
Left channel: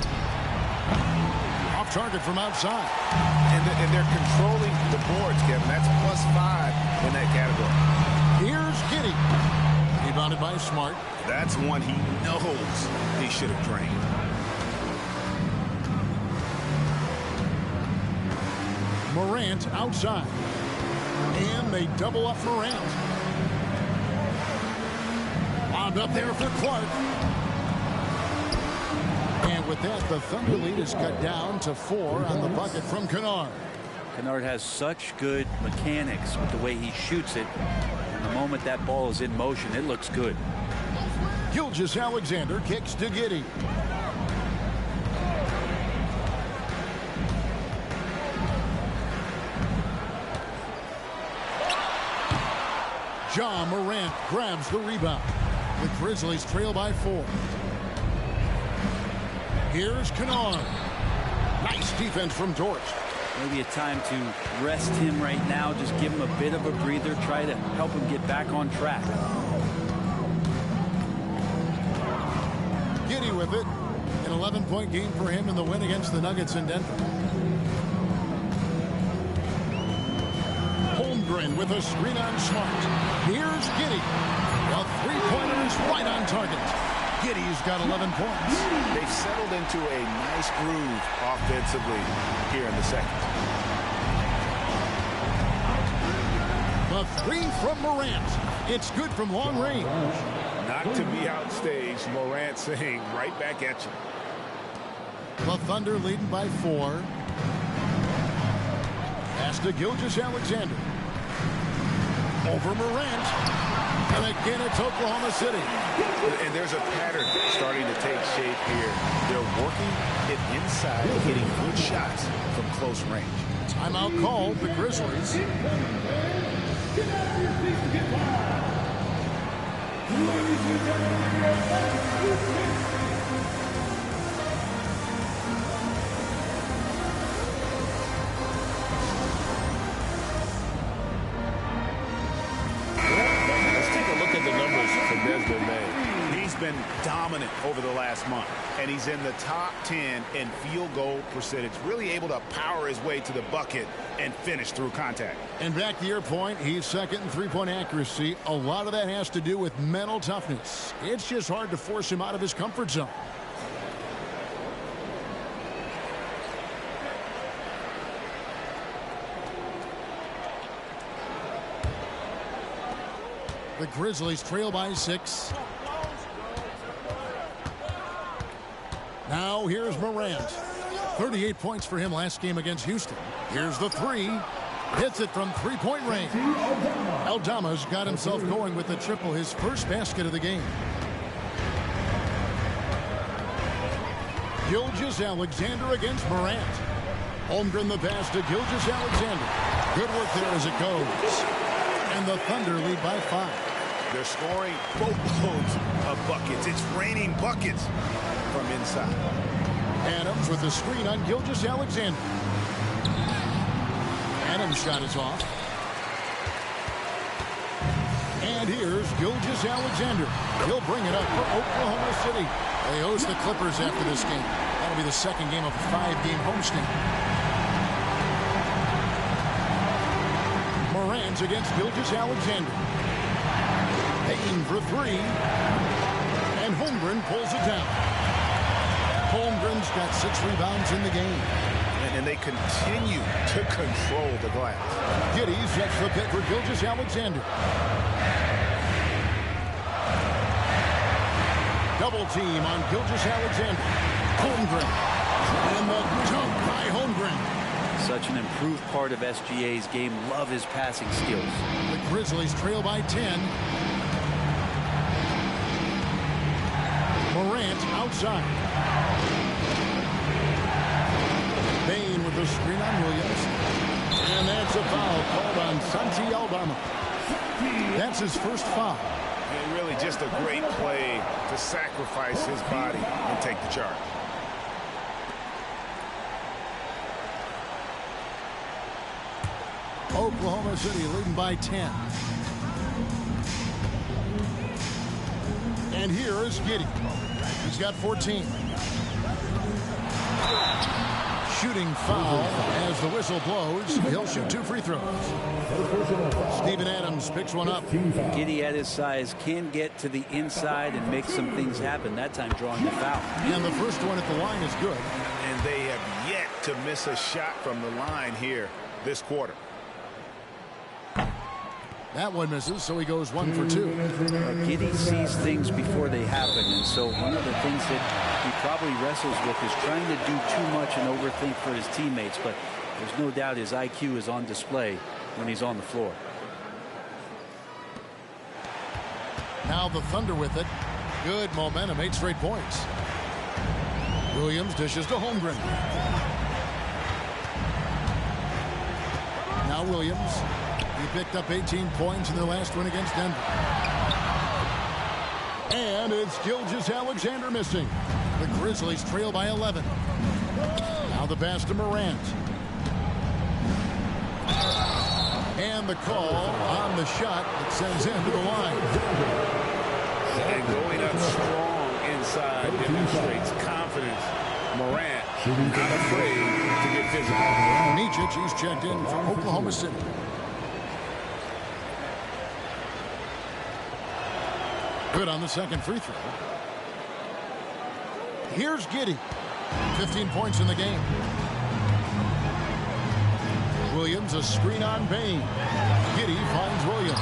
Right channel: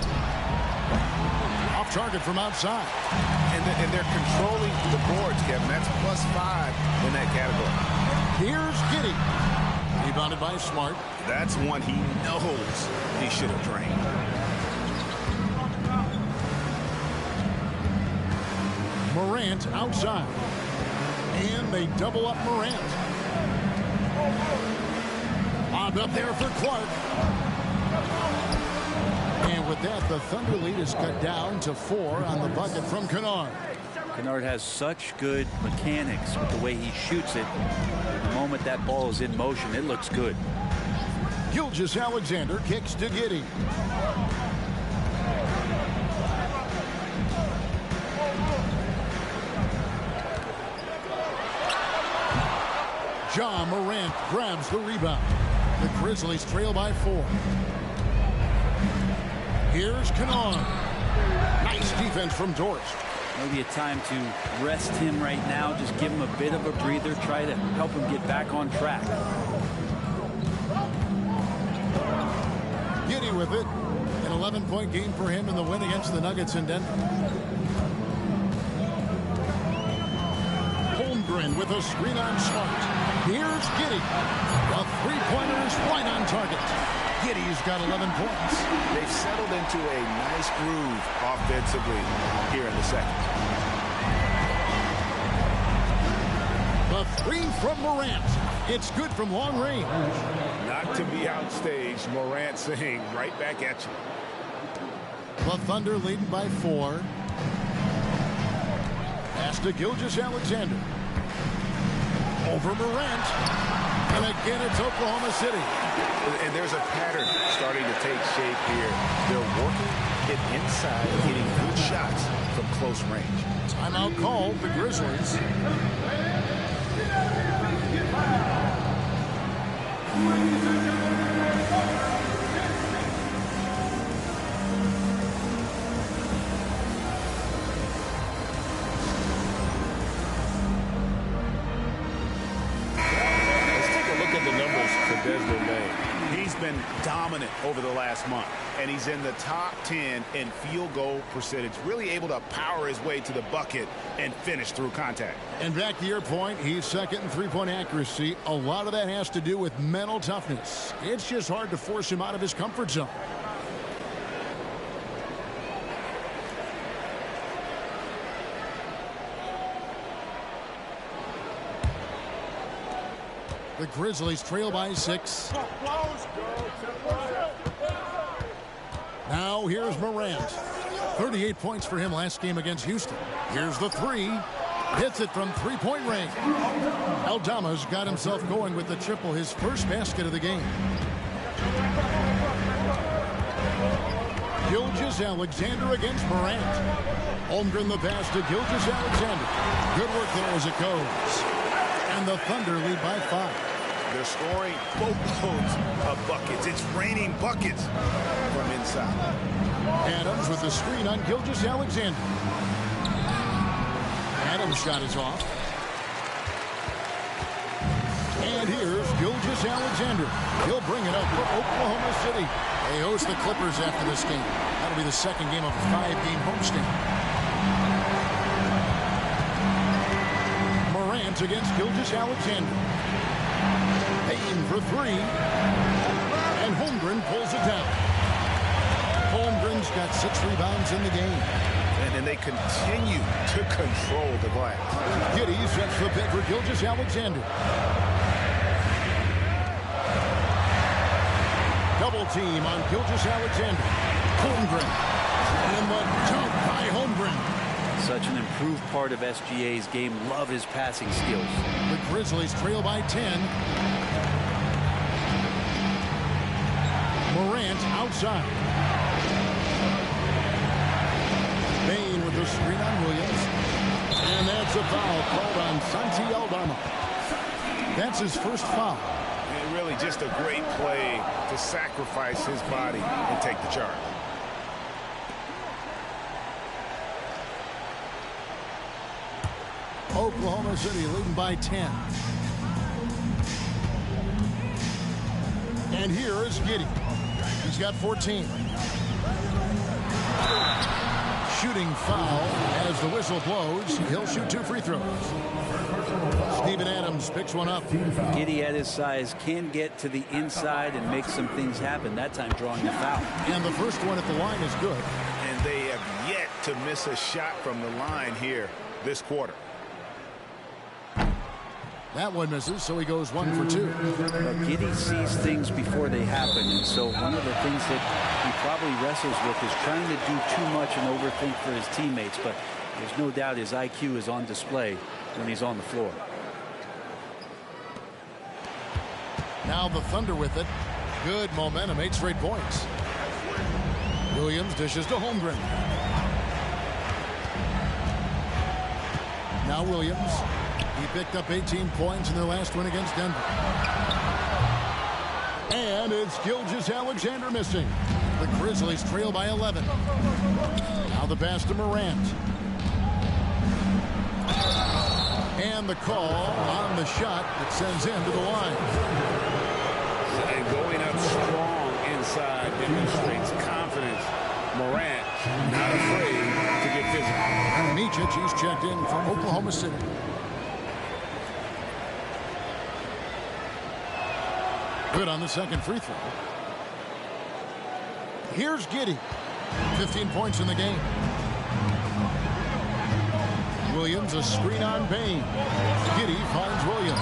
Off target from outside. And they're controlling the boards, Kevin. That's +5 in that category. Here's Giddey. Rebounded by Smart. That's one he knows he should have drained. Morant outside. And they double up Morant. Lobbed up there for Clark. And with that, the Thunder lead is cut down to 4 on the bucket from Kennard. Kennard has such good mechanics with the way he shoots it. The moment that ball is in motion, it looks good. Gilgeous-Alexander kicks to Giddey. Ja Morant grabs the rebound. The Grizzlies trail by 4. Here's Kennard. Nice defense from Dort. Maybe a time to rest him right now. Just give him a bit of a breather. Try to help him get back on track. Giddey with it. An 11-point game for him in the win against the Nuggets in Denver. Holmgren with a screen on Smart. Here's Giddey. The three-pointer is right on target. Giddey's got 11 points. They've settled into a nice groove offensively here in the second. The three from Morant. It's good from long range. Not to be outstaged, Morant saying right back at you. The Thunder leading by 4. Pass to Gilgeous-Alexander. Over Morant. And again, it's Oklahoma City. And there's a pattern starting to take shape here. They're working it inside and getting good shots from close range. Timeout called, the Grizzlies. The numbers for Desmond Bane. He's been dominant over the last month, and he's in the top 10 in field goal percentage, really able to power his way to the bucket and finish through contact. And back to your point, he's second in three-point accuracy. A lot of that has to do with mental toughness. It's just hard to force him out of his comfort zone. The Grizzlies trail by 6. Now here's Morant. 38 points for him last game against Houston. Here's the three. Hits it from three-point range. Aldama's got himself going with the triple, his first basket of the game. Gilgeous-Alexander against Morant. Holmgren the pass to Gilgeous-Alexander. Good work there as it goes. And the Thunder lead by 5. They're scoring boatloads of buckets. It's raining buckets from inside. Adams with the screen on Gilgeous-Alexander. Adams' shot is off. And here's Gilgeous-Alexander. He'll bring it up for Oklahoma City. They host the Clippers after this game. That'll be the second game of a 5-game homestand. Morant against Gilgeous-Alexander. Payne for 3. And Holmgren pulls it down. Holmgren's got 6 rebounds in the game. And they continue to control the glass. Giddey sets the pick for Gilgeous-Alexander. Double team on Gilgeous-Alexander. Holmgren. And the dunk by Holmgren. Such an improved part of SGA's game. Love his passing skills. The Grizzlies trail by 10. Morant outside. Bane with the screen on Williams. And that's a foul called on Santi Aldama. That's his first foul. And really just a great play to sacrifice his body and take the charge. Oklahoma City leading by 10. And here is Giddey. He's got 14. shooting foul as the whistle blows. He'll shoot 2 free throws. Steven Adams picks one up. Giddey at his size can get to the inside and make some things happen, that time drawing a foul. And the first one at the line is good. And they have yet to miss a shot from the line here this quarter. That one misses, so he goes 1 for 2. Giddey sees things before they happen, and so one of the things that he probably wrestles with is trying to do too much and overthink for his teammates, but there's no doubt his IQ is on display when he's on the floor. Now the Thunder with it. Good momentum, 8 straight points. Williams dishes to Holmgren. Now Williams. He picked up 18 points in their last win against Denver. And it's Gilgeous-Alexander missing. The Grizzlies trail by 11. Now the pass to Morant. And the call on the shot that sends him to the line. And going up strong inside demonstrates confidence. Morant not afraid to get physical. Micic, he's checked in for Oklahoma City. Good on the second free throw. Here's Giddey. 15 points in the game. Williams, a screen on Bain. Giddey finds Williams.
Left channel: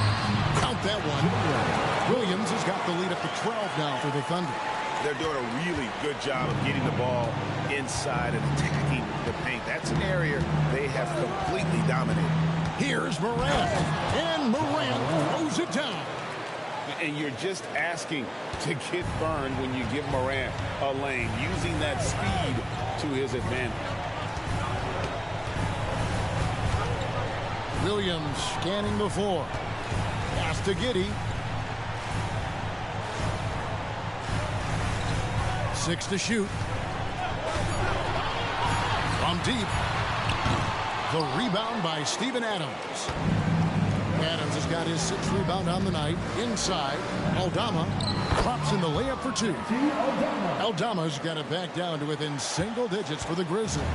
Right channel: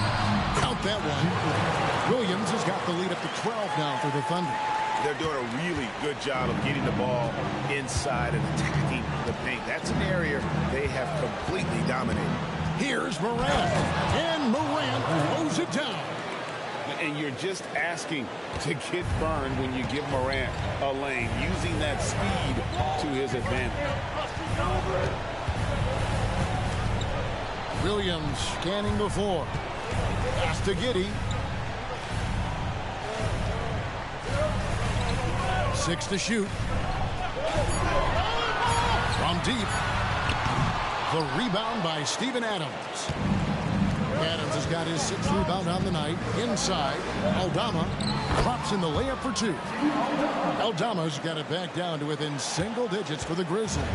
Count that one. Williams has got the lead up to 12 now for the Thunder. They're doing a really good job of getting the ball inside and attacking the paint. That's an area they have completely dominated. Here's Morant. And Morant throws it down. And you're just asking to get burned when you give Morant a lane, using that speed to his advantage. Williams scanning the floor. Pass to Giddey. 6 to shoot. From deep. The rebound by Steven Adams. Adams has got his 6th rebound on the night. Inside, Aldama drops in the layup for 2. Aldama's got it back down to within single digits for the Grizzlies.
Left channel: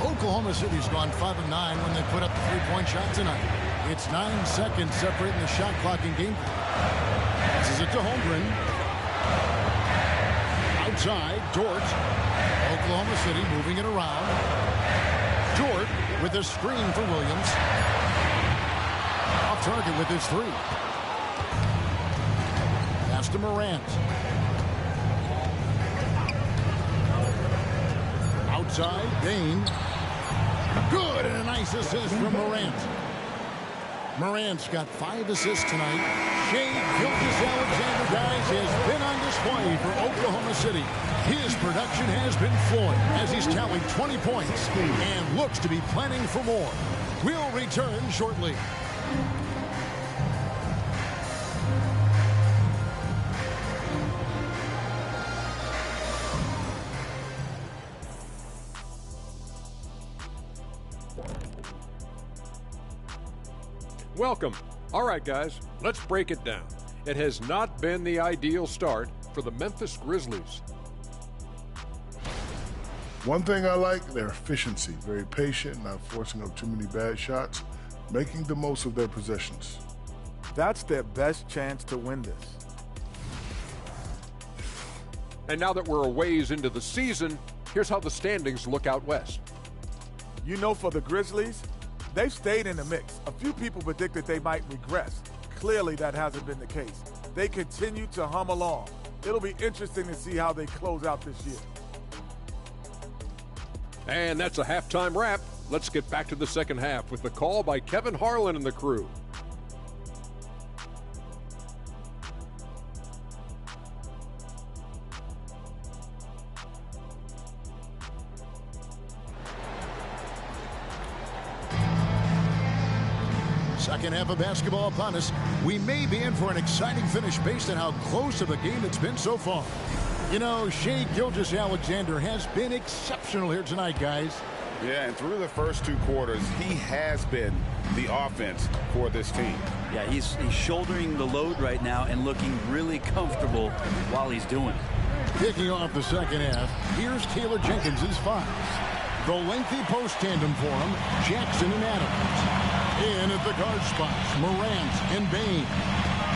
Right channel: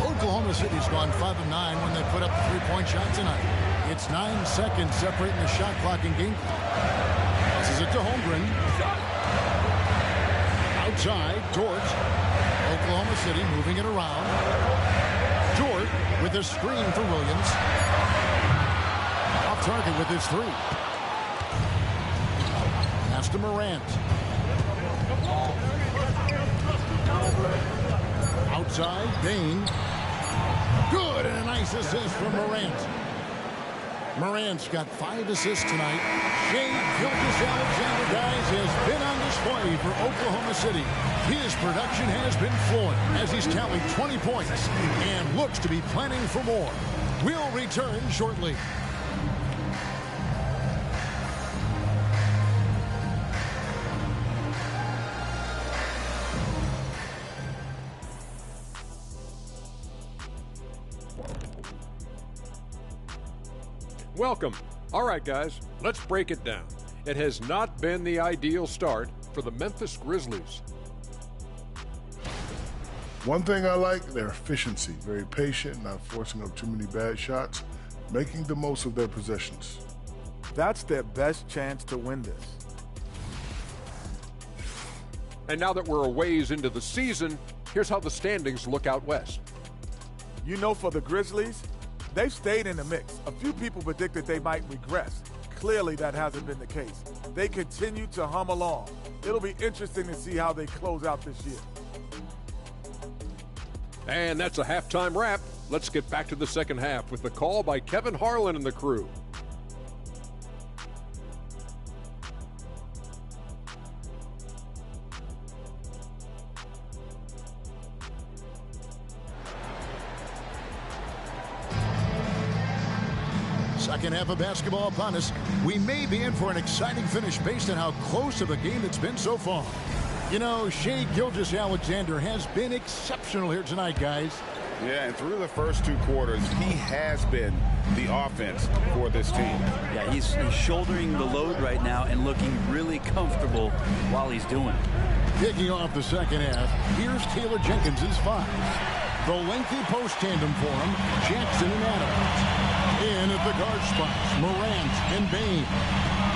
Oklahoma City's gone 5 of 9 when they put up the 3-point shot tonight. It's 9 seconds separating the shot clock and game clock. Passes it to Holmgren. Outside, Dort. Oklahoma City moving it around. Dort with a screen for Williams. Off target with his 3. Pass to Morant. Outside, Bain. Good, and a nice assist from Morant. Morant's got 5 assists tonight. Shai Gilgeous-Alexander, guys, has been on display for Oklahoma City. His production has been flowing as he's tallied 20 points and looks to be planning for more. We'll return shortly. Welcome. All right, guys, let's break it down. It has not been the ideal start for the Memphis Grizzlies. One thing I like, their efficiency. Very patient, not forcing up too many bad shots, making the most of their possessions. That's their best chance to win this. And now that we're a ways into the season, here's how the standings look out west. You know, for the Grizzlies, they've stayed in the mix. A few people predicted they might regress. Clearly, that hasn't been the case. They continue to hum along. It'll be interesting to see how they close out this year. And that's a halftime wrap. Let's get back to the second half with the call by Kevin Harlan and the crew. Second half of basketball upon us. We may be in for an exciting finish based on how close of a game it's been so far. You know, Shai Gilgeous-Alexander has been exceptional here tonight, guys. Yeah, and through the first 2 quarters, he has been the offense for this team. Yeah, he's shouldering the load right now and looking really comfortable while he's doing it. Kicking off the second half, here's Taylor Jenkins' 5. The lengthy post tandem for him, Jackson and Adams. In at the guard spots, Morant and Bain.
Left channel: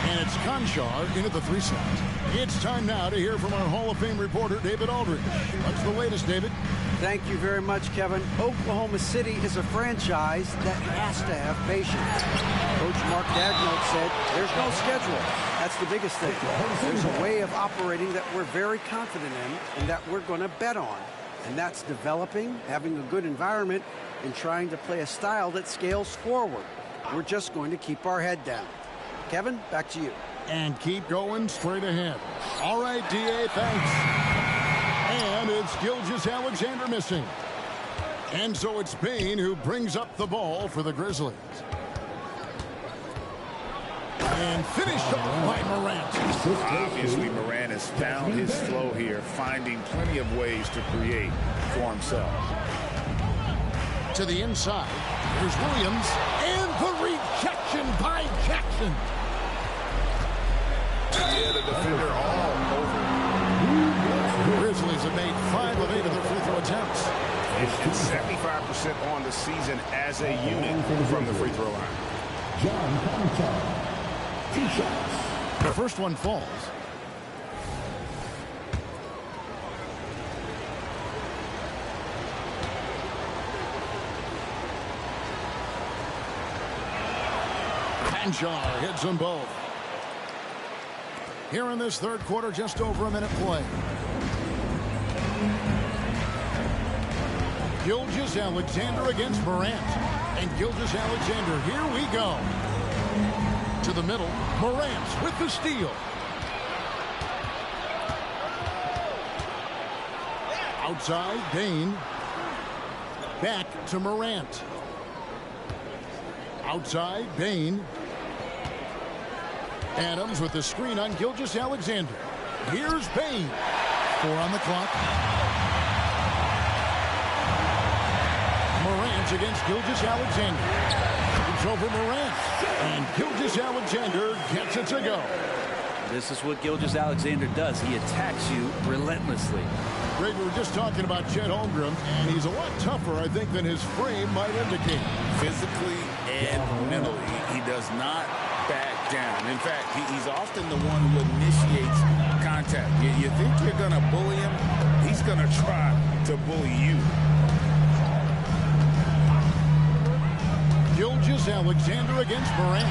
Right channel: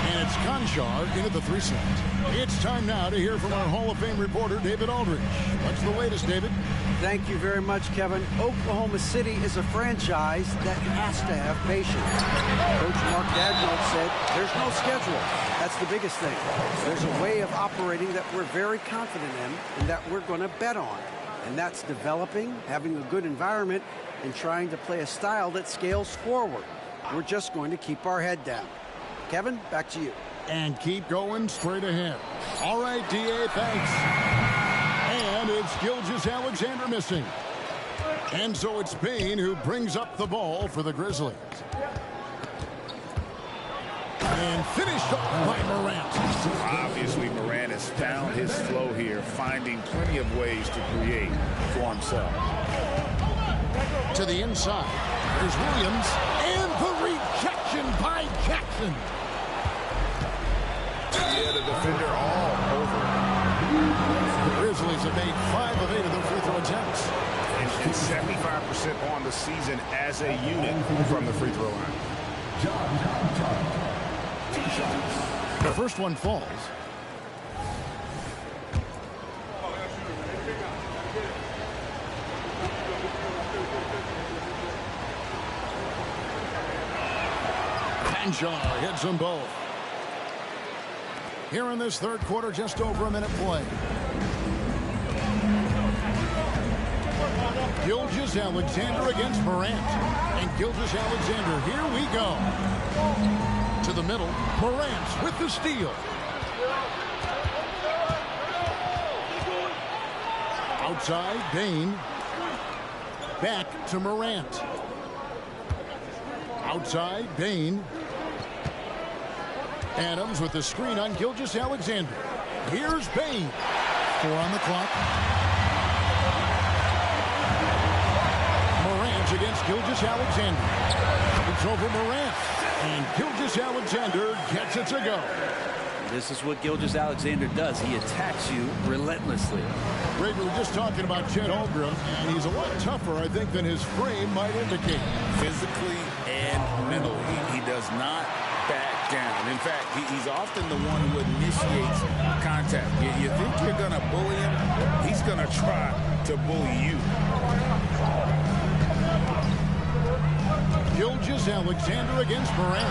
And it's Conchar in at the 3 slot. It's time now to hear from our Hall of Fame reporter, David Aldridge. What's the latest, David? Thank you very much, Kevin. Oklahoma City is a franchise that has to have patience. Coach Mark Daigneault said, there's no schedule. That's the biggest thing. There's a way of operating that we're very confident in and that we're going to bet on. And that's developing, having a good environment, and trying to play a style that scales forward. We're just going to keep our head down. Kevin, back to you. And keep going straight ahead. All right, D.A., thanks. And it's Gilgeous-Alexander missing. And so it's Bain who brings up the ball for the Grizzlies. And finished off by Morant. Obviously, Morant has found his flow here, finding plenty of ways to create for himself. To the inside, there's Williams, and the rejection by Jackson. Yeah, the defender all over. The Grizzlies have made 5 of 8 of their free throw attempts. And 75% on the season as a unit from the free throw line. The first one falls. Conchar hits them both. Here in this third quarter, just over a minute play. Gilgeous-Alexander against Morant. And Gilgeous-Alexander, here we go. To the middle, Morant with the steal. Outside, Bain. Back to Morant. Outside, Bain. Adams with the screen on Gilgeous-Alexander. Here's Bain. 4 on the clock. Morant against Gilgeous-Alexander. It's over Morant. And Gilgeous-Alexander gets it to go. This is what Gilgeous-Alexander does. He attacks you relentlessly. Greg, we were just talking about Chet Holmgren, and he's a lot tougher, I think, than his frame might indicate. Physically and mentally, he does not back down. In fact, he's often the one who initiates contact. You think you're going to bully him? He's going to try to bully you. Gilgeous-Alexander against Morant.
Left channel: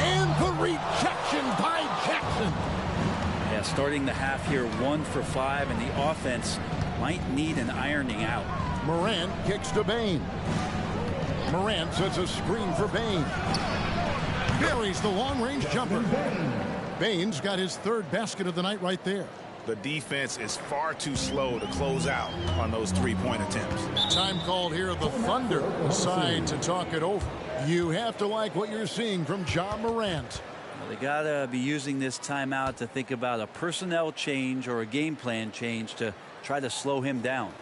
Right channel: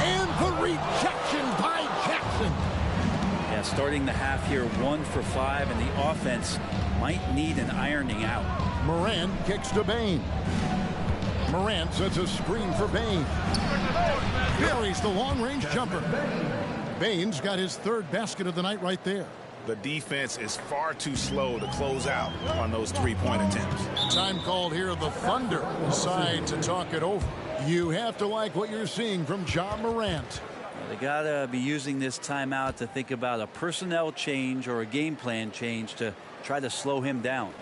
And the rejection by Jackson. Yeah, starting the half here 1 for 5, and the offense might need an ironing out. Morant kicks to Bain. Morant sets a screen for Bain. Buries the long-range jumper. Bain's got his 3rd basket of the night right there. The defense is far too slow to close out on those 3-point attempts. Time called here. The Thunder decide to talk it over. You have to like what you're seeing from John Morant. Well, they got to be using this timeout to think about a personnel change or a game plan change to try to slow him down.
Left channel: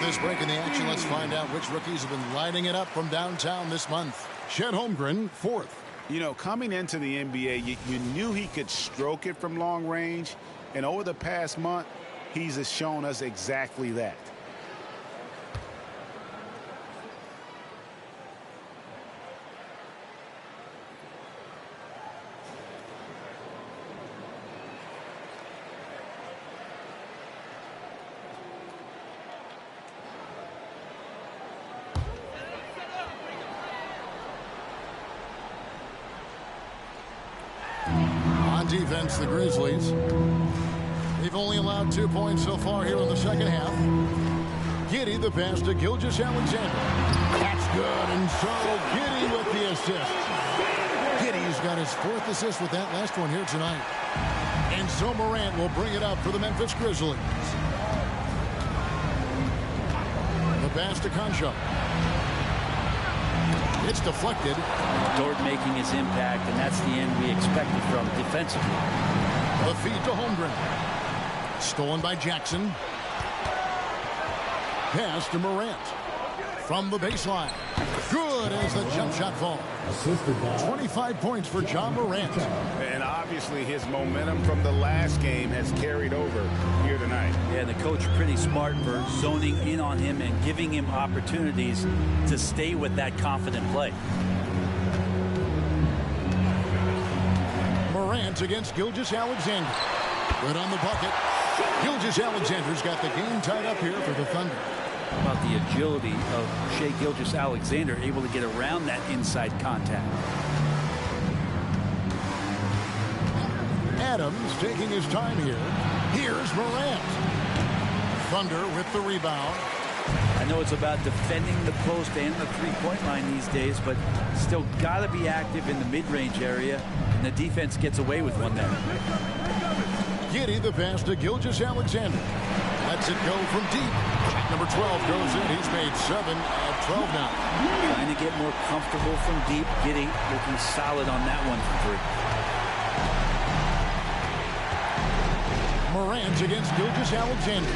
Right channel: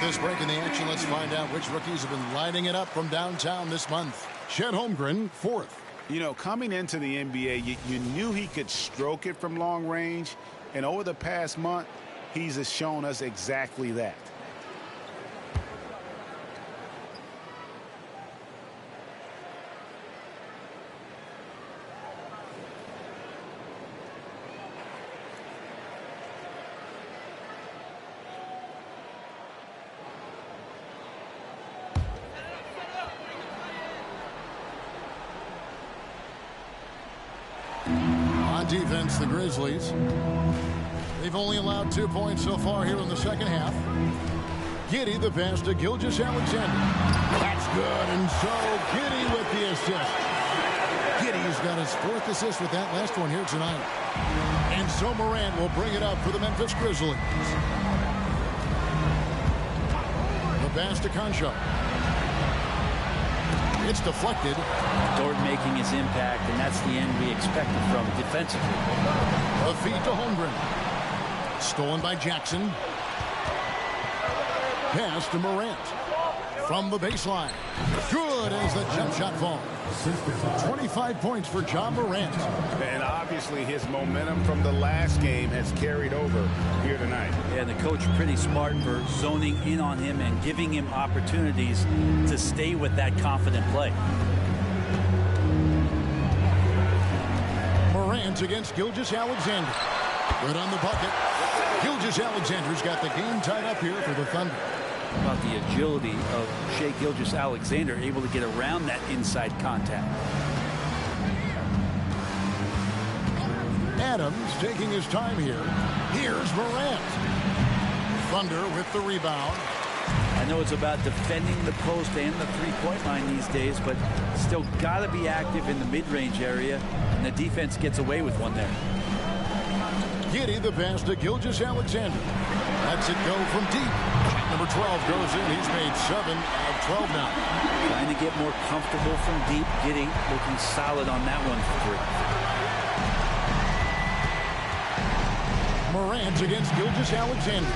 This break in the action, let's find out which rookies have been lighting it up from downtown this month. Chet Holmgren, 4th. You know, coming into the NBA, you knew he could stroke it from long range, and over the past month, he's shown us exactly that. On defense, the Grizzlies. They've only allowed 2 points so far here in the second half. Giddey, the pass to Gilgeous-Alexander. That's good, and so Giddey with the assist. Giddey's got his 4th assist with that last one here tonight. And so Morant will bring it up for the Memphis Grizzlies. The pass to Concho. It's deflected. Dort making his impact, and that's the end we expected from defensively. The feed to Holmgren. Stolen by Jackson. Pass to Morant. From the baseline. Good as the jump shot falls. 25 points for John Morant. And obviously his momentum from the last game has carried over here tonight. Yeah, the coach pretty smart for zoning in on him and giving him opportunities to stay with that confident play. Morant against Gilgeous-Alexander. Good on the bucket. Gilgeous-Alexander's got the game tied up here for the Thunder. How about the agility of Shai Gilgeous-Alexander, able to get around that inside contact. Adams taking his time here. Here's Morant. Thunder with the rebound. I know it's about defending the post and the three-point line these days, but still got to be active in the mid-range area, and the defense gets away with one there. Giddey, the pass to Gilgeous-Alexander. Lets it go from deep. Shot number 12 goes in. He's made 7 of 12 now. Trying to get more comfortable from deep. Giddey looking solid on that one for 3. Morant against Gilgeous-Alexander.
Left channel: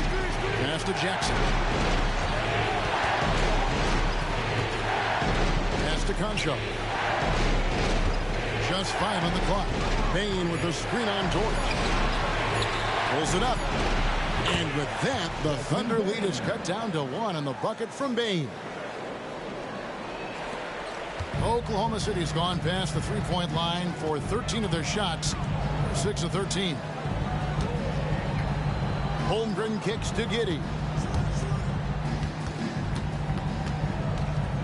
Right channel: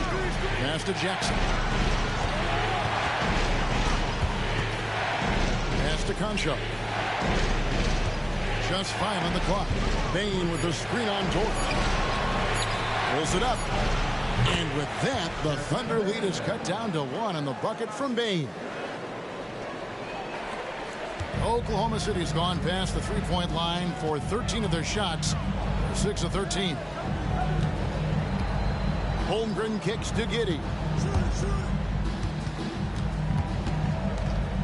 Pass to Jackson. Pass to Concho. Just 5 on the clock. Bane with the screen on Dort. Pulls it up. And with that, the Thunder lead is cut down to 1 on the bucket from Bane. Oklahoma City's gone past the three-point line for 13 of their shots. 6 of 13. Holmgren kicks to Giddey.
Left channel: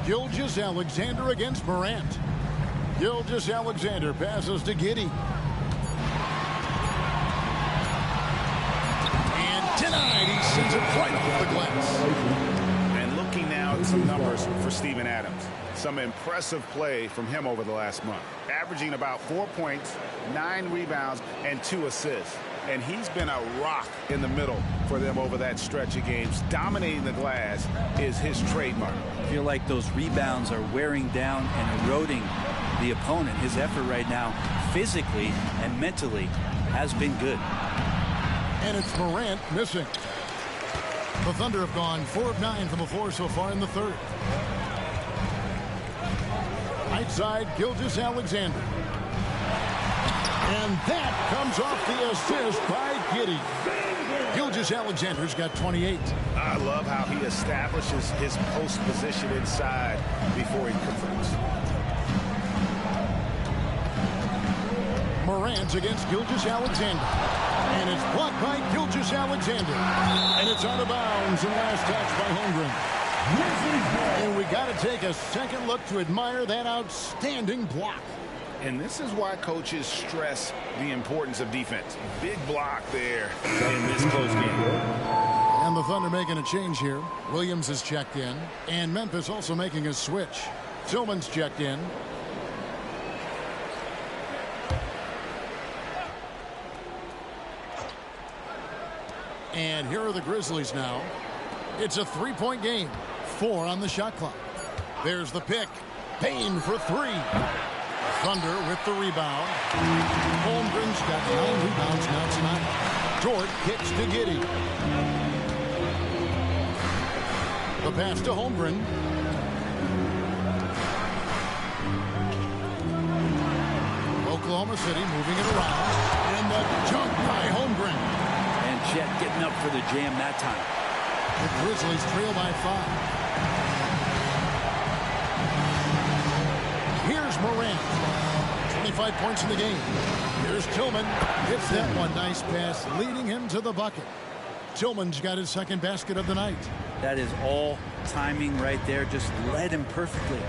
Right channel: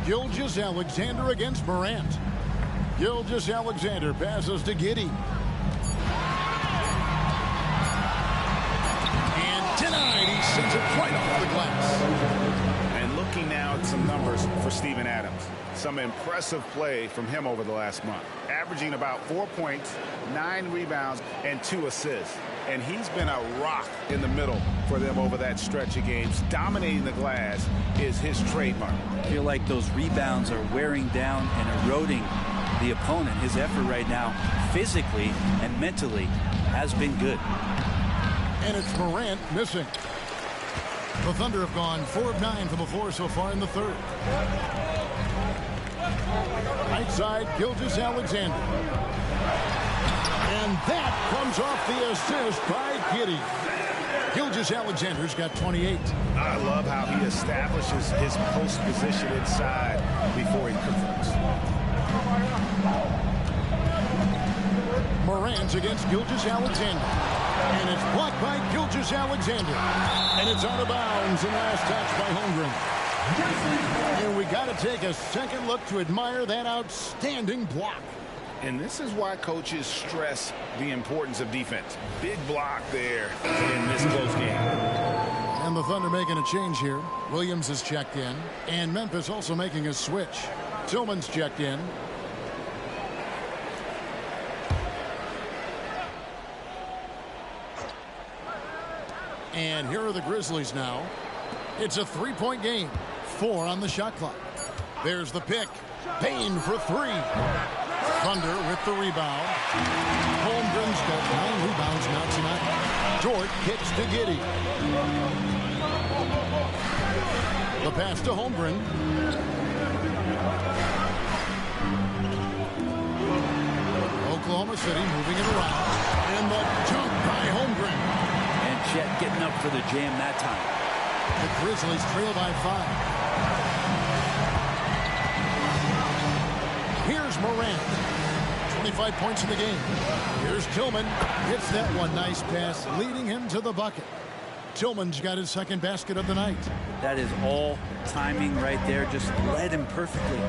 Gilgeous-Alexander against Morant. Gilgeous-Alexander passes to Giddey. And denied. He sends it right off the glass. And looking now at some numbers for Steven Adams. Some impressive play from him over the last month. Averaging about 4 points, 9 rebounds, and 2 assists. And he's been a rock in the middle for them over that stretch of games. Dominating the glass is his trademark. I feel like those rebounds are wearing down and eroding the opponent. His effort right now, physically and mentally, has been good. And it's Morant missing. The Thunder have gone 4 of 9 from the floor so far in the third. Right side, Gilgeous-Alexander. And that comes off the assist by Giddey. Gilgeous-Alexander's got 28. I love how he establishes his post position inside before he converts. Morant against Gilgeous-Alexander. And it's blocked by Gilgeous-Alexander. And it's out of bounds and last touch by Holmgren. And we got to take a second look to admire that outstanding block. And this is why coaches stress the importance of defense. Big block there in this close game. And the Thunder making a change here. Williams has checked in. And Memphis also making a switch. Tillman's checked in. And here are the Grizzlies now. It's a 3-point game. 4 on the shot clock. There's the pick. Payne for 3. Thunder with the rebound. Holmgren's got 9 rebounds now tonight. Dort kicks to Giddey. The pass to Holmgren. Oklahoma City moving it around. And the dunk by Holmgren. And Chet getting up for the jam that time. The Grizzlies trail by 5. Here's Morant. 25 points in the game. Here's Tillman. Hits that one. Nice pass, leading him to the bucket. Tillman's got his second basket of the night. That is all timing right there. Just led him perfectly.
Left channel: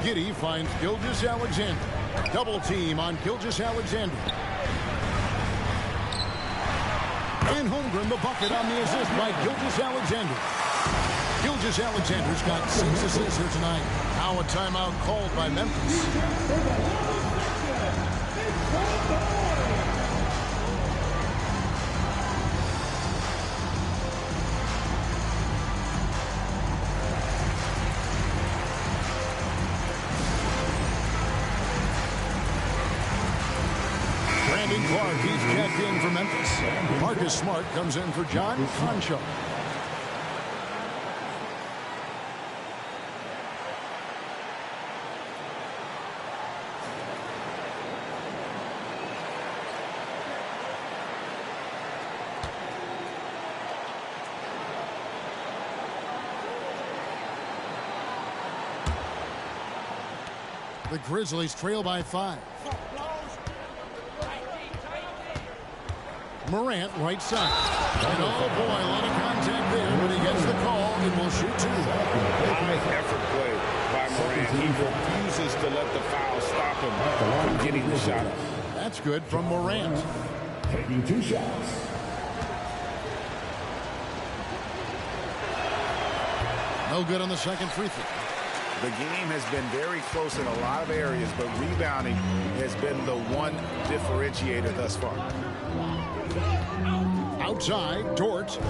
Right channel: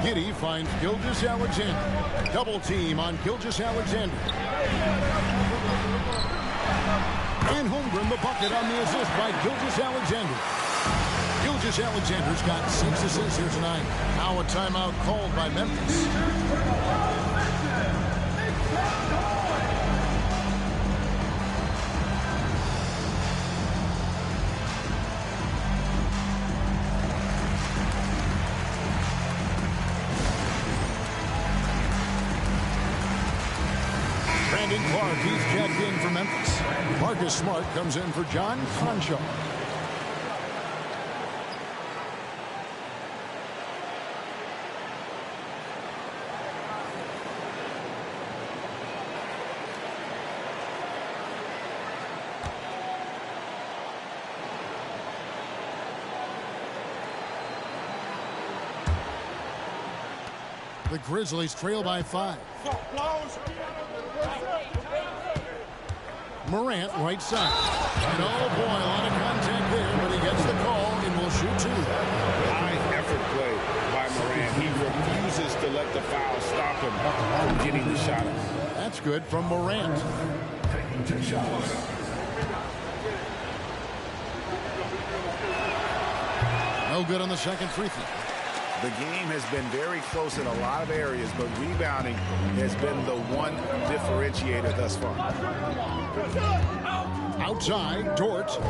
Giddey finds Gilgeous-Alexander. Double team on Gilgeous-Alexander. And Holmgren the bucket on the assist by Gilgeous-Alexander. Gilgeous-Alexander's got 6 assists here tonight. Now a timeout called by Memphis. Brandon Clark, he's checked in for Memphis. Marcus Smart comes in for John Concho. The Grizzlies trail by 5. Morant, right side. And oh boy, a lot of contact there, but he gets the call and will shoot 2. High effort play by Morant. He refuses to let the foul stop him from getting the shot up. That's good from Morant. Taking 2 shots. No good on the second free throw. The game has been very close in a lot of areas, but rebounding has been the one differentiator thus far. Outside, Dort.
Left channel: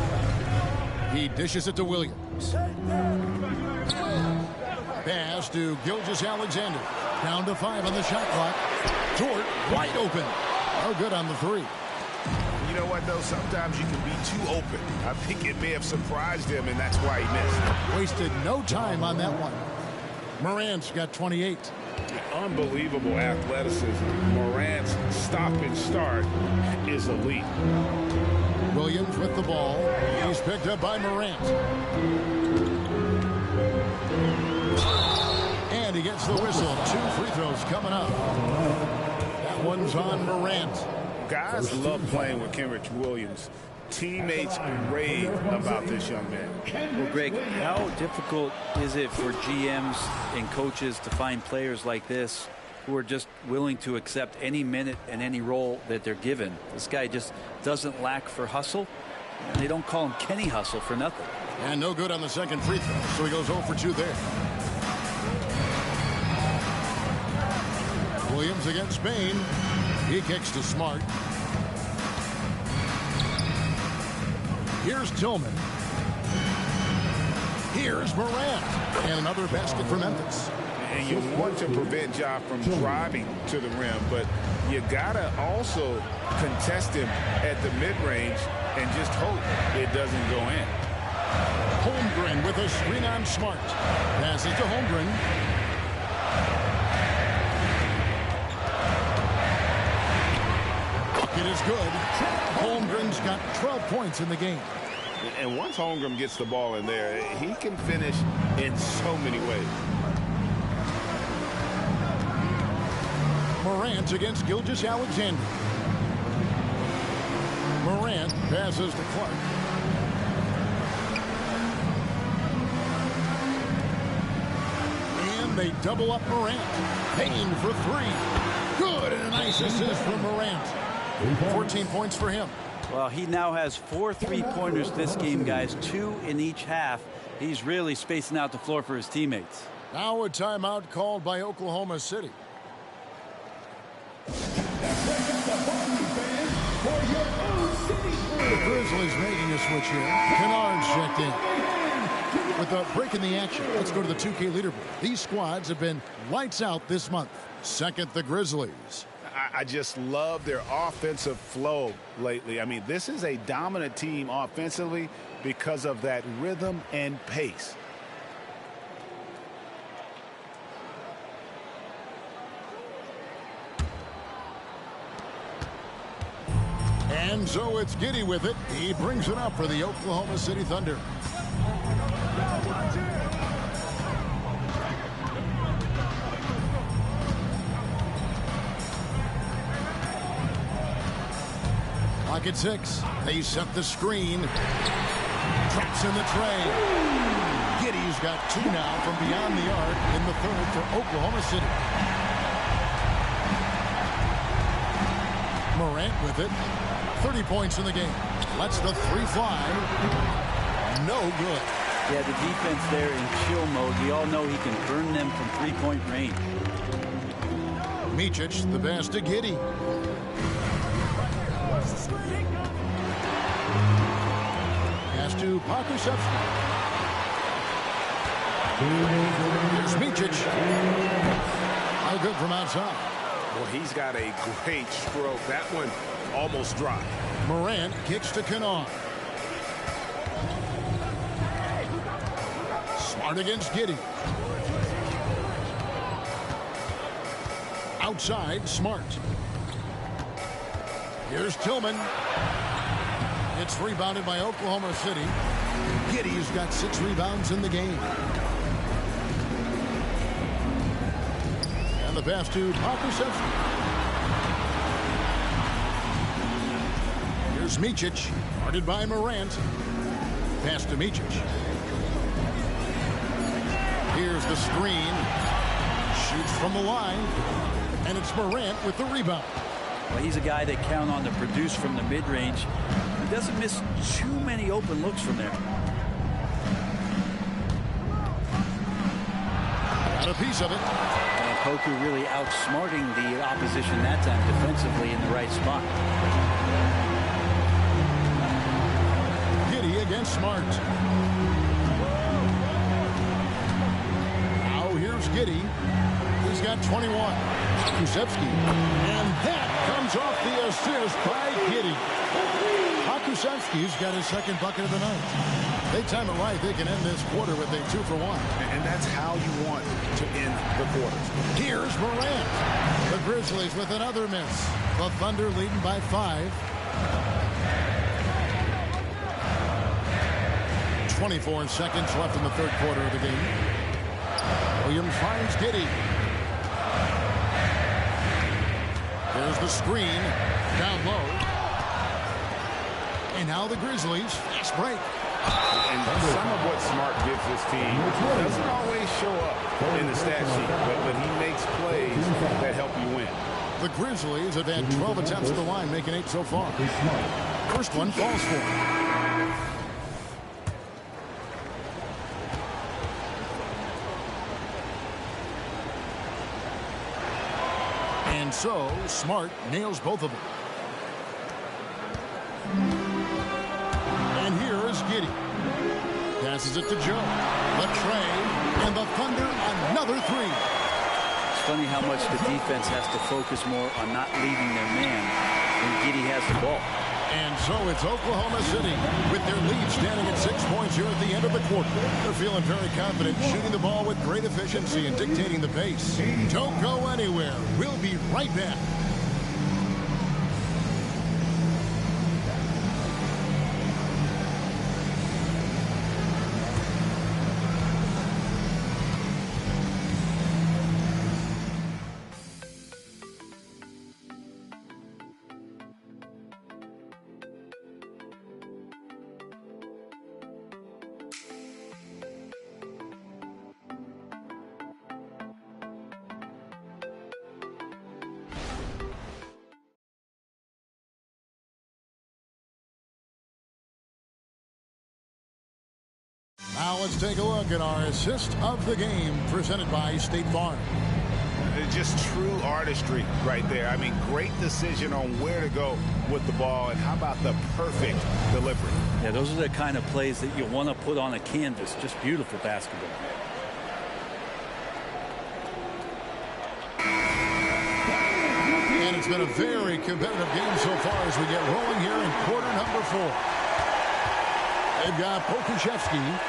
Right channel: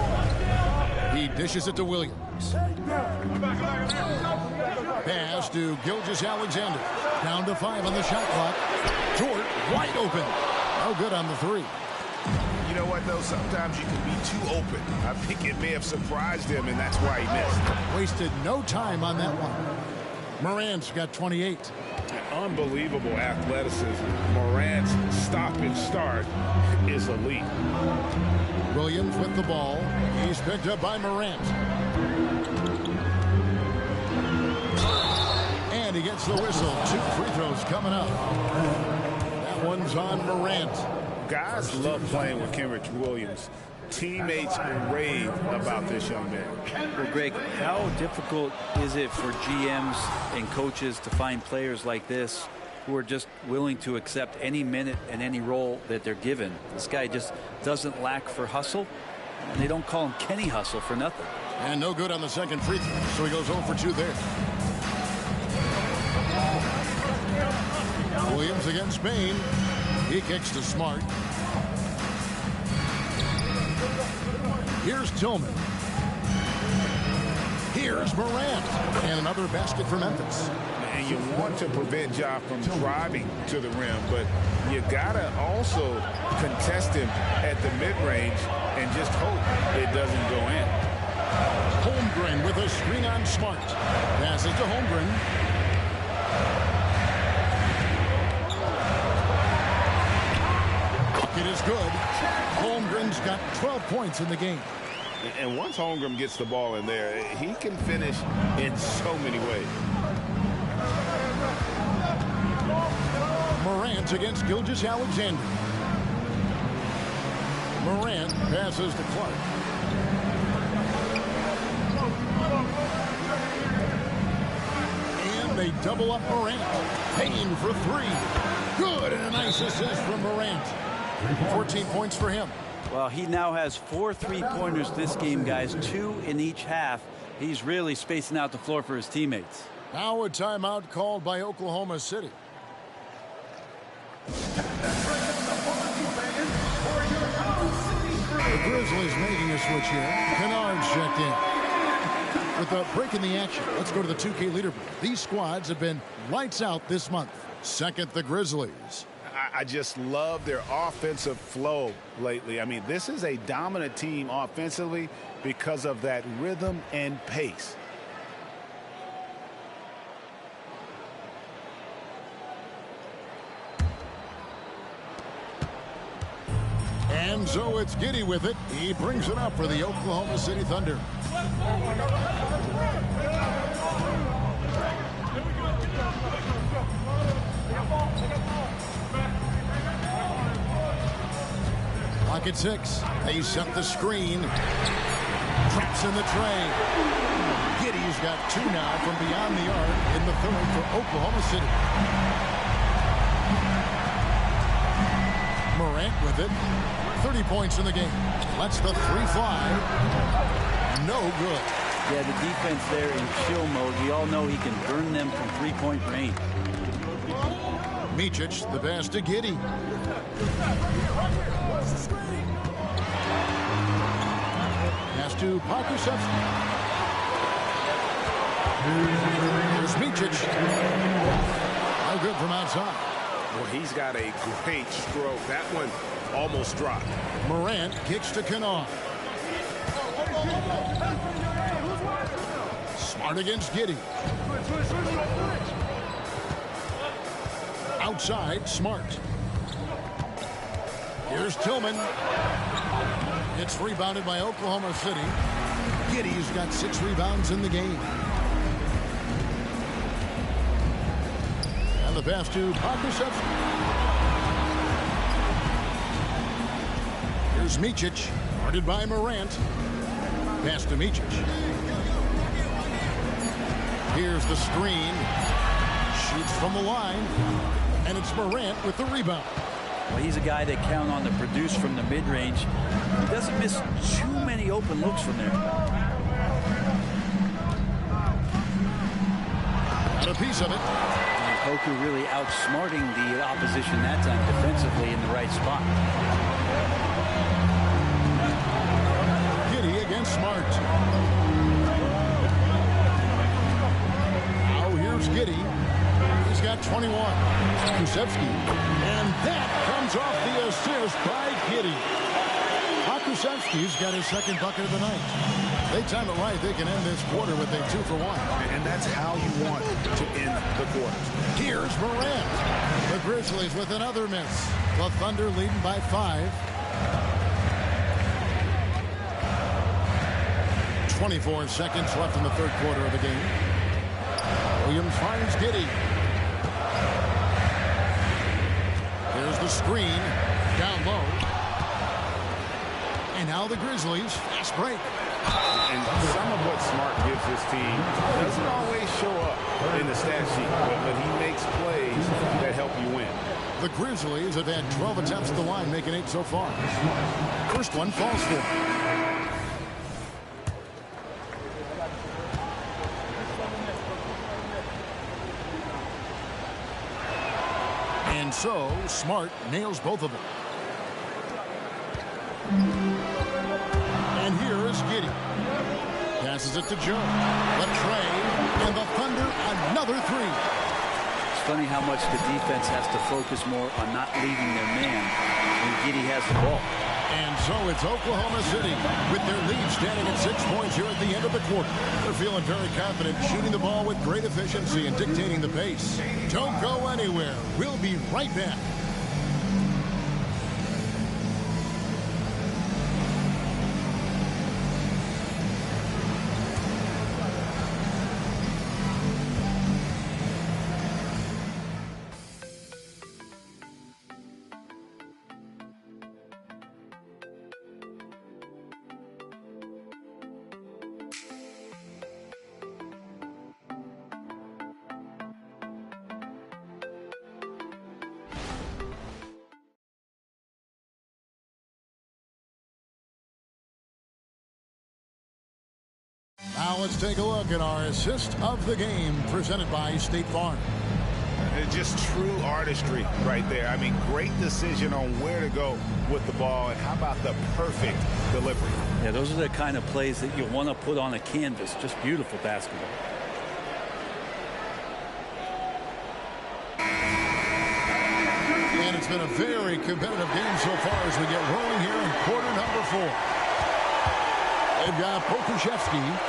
He dishes it to Williams. Pass to Gilgeous-Alexander. Down to 5 on the shot clock. Dort wide open. No good on the 3. You know what, though? Sometimes you can be too open. I think it may have surprised him, and that's why he missed. Wasted no time on that one. Morant's got 28. Unbelievable athleticism. Morant's stop and start is elite. Williams with the ball. He's picked up by Morant. And he gets the whistle. 2 free throws coming up. That one's on Morant. Guys love playing with Kenrich Williams. Teammates rave about this young man. Well, Greg, how difficult is it for GMs and coaches to find players like this who are just willing to accept any minute and any role that they're given? This guy just doesn't lack for hustle, and they don't call him Kenny Hustle for nothing. And no good on the second free throw, so he goes 0 for 2 there. Williams against Bain. He kicks to Smart. Here's Tillman. Here's Morant. And another basket for Memphis. And you want to prevent Ja from driving to the rim, but you gotta also contest him at the mid-range and just hope it doesn't go in. Holmgren with a screen on Smart. Passes to Holmgren. Bucket is good. Holmgren's got 12 points in the game. And once Holmgren gets the ball in there, he can finish in so many ways. Morant against Gilgeous-Alexander. Morant passes to Clark. And they double up Morant. Payne for 3. Good, and a nice assist from Morant. 14 points for him. Well, he now has 4 3-pointers this game, guys, 2 in each half. He's really spacing out the floor for his teammates. Now a timeout called by Oklahoma City. The Grizzlies making a switch here. Kennard's checked in. With a break in the action, let's go to the 2K leaderboard. These squads have been lights out this month. Second, the Grizzlies. I just love their offensive flow lately. I mean, this is a dominant team offensively because of that rhythm and pace. And so it's Giddey with it. He brings it up for the Oklahoma City Thunder. Lock at 6. They set the screen. Traps in the tray. Giddey's got 2 now from beyond the arc in the third for Oklahoma City. Morant with it. 30 points in the game. Lets the 3 fly. No good. Yeah, the defense there in chill mode. We all know he can burn them from 3-point range. Micic, the pass to Giddey. Pass to Okc. Here's Micic. No good from outside. Well, he's got a great stroke. That one almost dropped. Morant kicks to Kennard. Smart against Giddey. Outside, Smart. Here's Tillman. It's rebounded by Oklahoma City. Giddey's got 6 rebounds in the game. And the pass to Okc. Here's Micic, guarded by Morant. Pass to Micic. Here's the screen. Shoots from the line. And it's Morant with the rebound. Well, he's a guy they count on to produce from the mid-range. He doesn't miss too many open looks from there. Got a piece of it. And Poku really outsmarting the opposition that time defensively in the right spot. Giddey against Smart. Now here's Giddey. He's got 21. Okc. And that comes off the assist by Giddey. Okc's got his 2nd bucket of the night. They time it right, they can end this quarter with a 2-for-1. And that's how you want to end the quarter. Here's Morant. The Grizzlies with another miss. The Thunder leading by 5. 24 seconds left in the 3rd quarter of the game. Williams finds Giddey. Here's the screen. Down low. And now the Grizzlies. Fast break. And some of what Smart gives this team doesn't always show up in the stat sheet, but he makes plays that help you win. The Grizzlies have had 12 attempts at the line, making 8 so far. First one falls for him. And so, Smart nails both of them. And here is Giddey. Passes it to Joe. Latrey, and the Thunder another 3. It's funny how much the defense has to focus more on not leaving their man when Giddey has the ball. And so it's Oklahoma City with their lead standing at 6 points here at the end of the quarter. They're feeling very confident, shooting the ball with great efficiency and dictating the pace. Don't go anywhere. We'll be right back. Now let's take a look at our assist of the game presented by State Farm. Just true artistry right there. I mean, great decision on where to go with the ball, and how about the perfect delivery? Yeah, those are the kind of plays that you want to put on a canvas. Just beautiful basketball. And it's been a very competitive game so far as we get rolling here in quarter number 4. They've got Okc,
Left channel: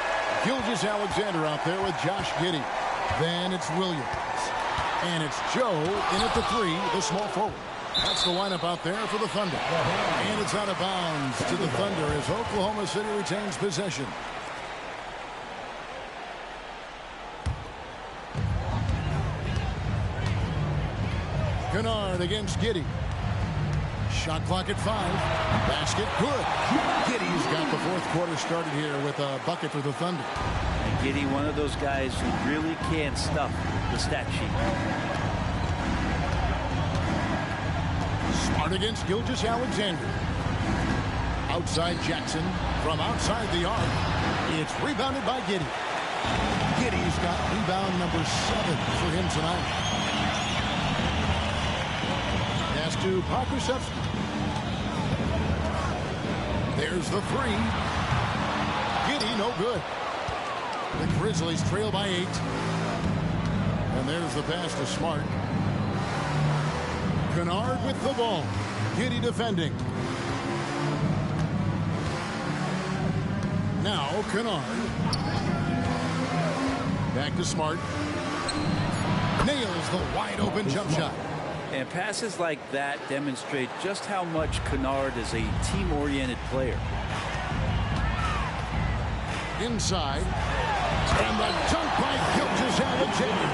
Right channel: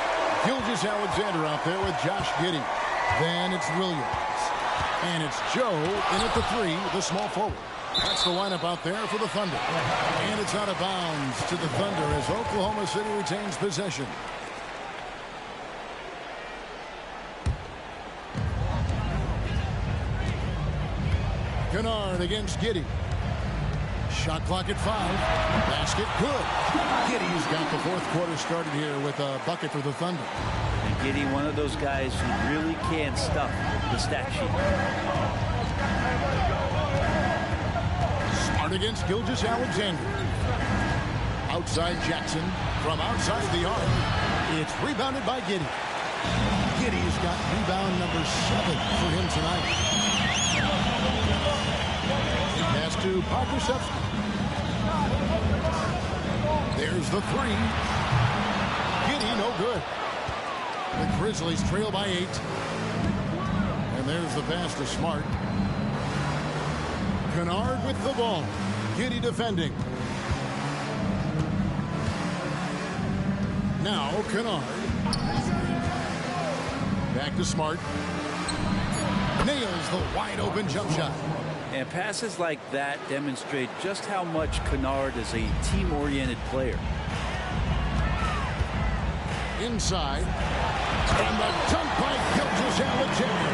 Gilgeous-Alexander out there with Josh Giddey. Then it's Williams. And it's Joe in at the 3, the small forward. That's the lineup out there for the Thunder. And it's out of bounds to the Thunder as Oklahoma City retains possession. Kennard against Giddey. Shot clock at 5. Basket good. Giddey's got the fourth quarter started here with a bucket for the Thunder. And Giddey, one of those guys who really can stuff the stat sheet. Smart against Gilgeous-Alexander. Outside Jackson from outside the arc. It's rebounded by Giddey. Giddey's got rebound number 7 for him tonight. Pass to Pokusevski. There's the 3. Giddey, no good. The Grizzlies trail by 8. And there's the pass to Smart. Kennard with the ball. Giddey defending. Now Kennard. Back to Smart. Nails the wide open jump shot. And passes like that demonstrate just how much Kennard is a team-oriented player. Inside. And the dunk by Gilgeous-Alexander.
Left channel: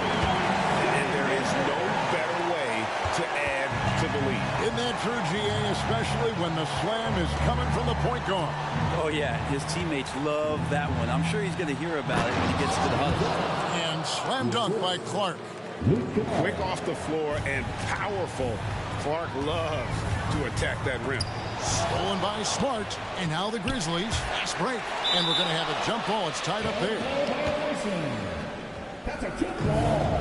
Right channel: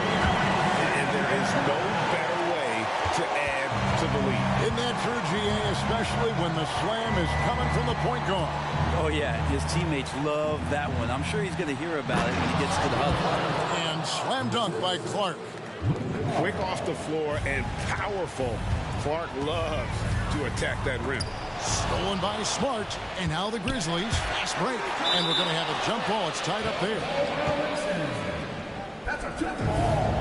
And there is no better way to add to the lead. Isn't that true, GA, especially when the slam is coming from the point guard? Oh, yeah, his teammates love that one. I'm sure he's going to hear about it when he gets to the huddle. And slam dunk by Clark. Quick off the floor and powerful. Clark loves to attack that rim. Stolen by Smart. And now the Grizzlies. Fast break. And we're going to have a jump ball. It's tied up there. That's a jump ball.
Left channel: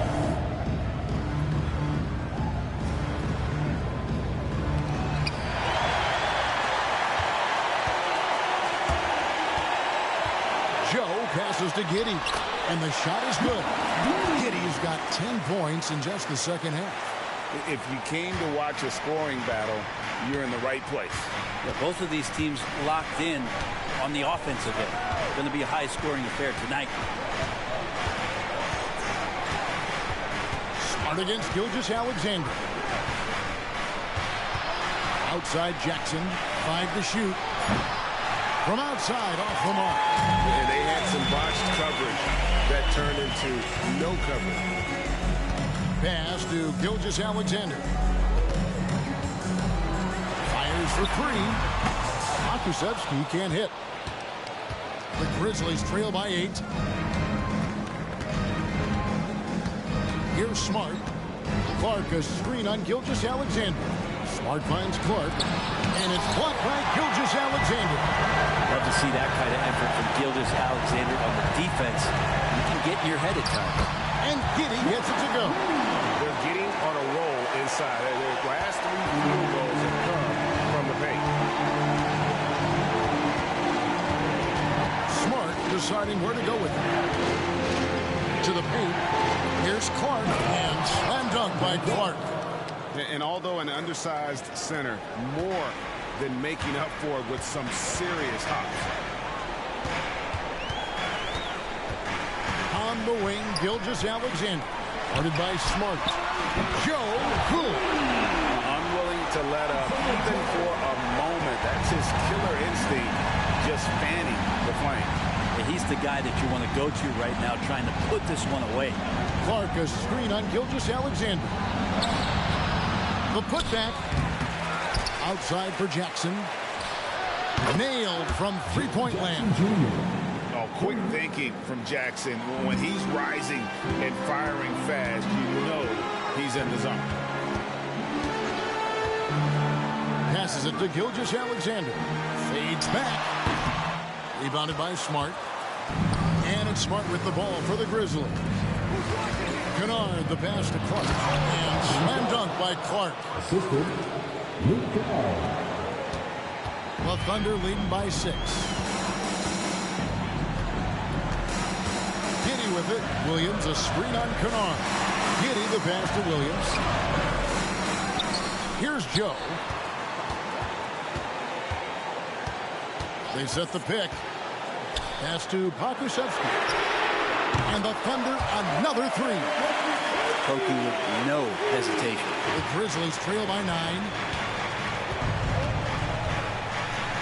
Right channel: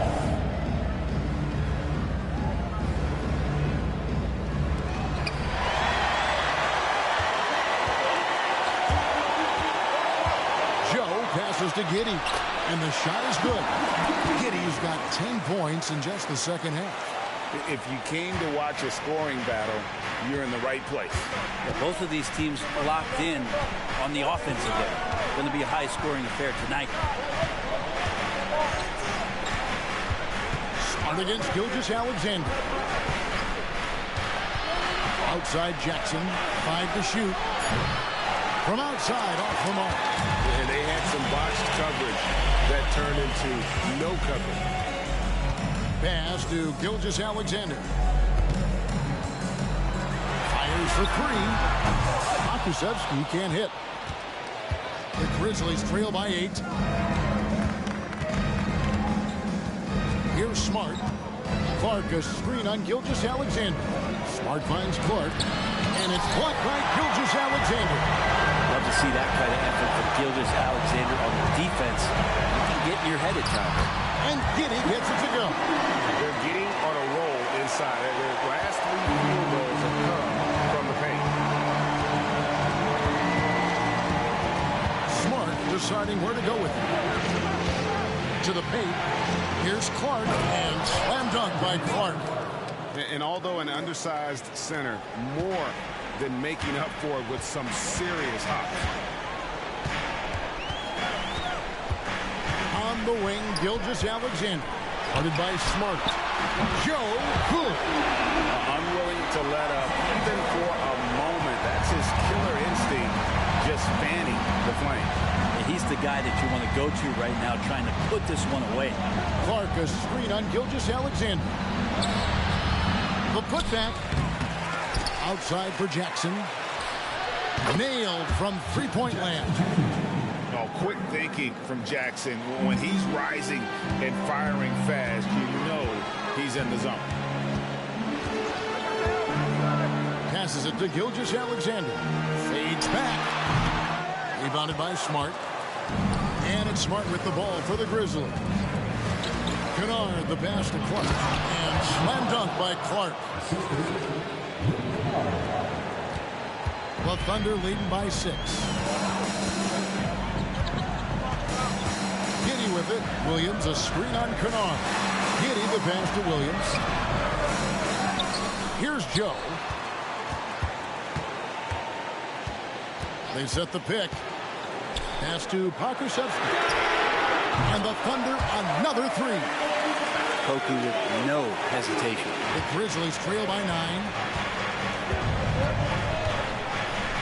Joe passes to Giddey. And the shot is good. Giddey's got 10 points in just the second half. If you came to watch a scoring battle, you're in the right place. Yeah, both of these teams locked in on the offensive end. Going to be a high-scoring affair tonight. Smart against Gilgeous-Alexander. Outside Jackson. 5 to shoot. From outside, off the mark. And they had some botched coverage that turned into no coverage. Pass to Gilgeous-Alexander. Fires for 3. Pokusevski can't hit. The Grizzlies trail by 8. Here's Smart. Clark, a screen on Gilgeous-Alexander. Smart finds Clark. And it's blocked by Gilgeous-Alexander. Love to see that kind of effort from Gilgeous-Alexander on the defense. You can get in your head at times. And Giddey gets it to go. They're getting on a roll inside. Their last 3 field goals have come from the paint. Smart deciding where to go with it. To the paint. Here's Clark. And slam dunk by Clark. And although an undersized center, more than making up for it with some serious hops. On the wing, Gilgeous-Alexander. Guarded by Smart. Joe, good. Unwilling to let up even for a moment. That's his killer instinct, just fanning the flame. And he's the guy that you want to go to right now, trying to put this one away. Clark, a screen on Gilgeous-Alexander. The putback. Outside for Jackson. Nailed from three-point land. Oh, quick thinking from Jackson. When he's rising and firing fast, you know he's in the zone. Passes it to Gilgeous-Alexander. Fades back. Rebounded by Smart. And it's Smart with the ball for the Grizzlies. Kennard, the pass to Clark. And slam dunk by Clark. The Thunder leading by 6. Giddey with it. Williams, a screen on Kennard. Giddey, the pass to Williams. Here's Joe. They set the pick. Pass to Pokusevski. And the Thunder, another 3. Poku with no hesitation. The Grizzlies trail by 9.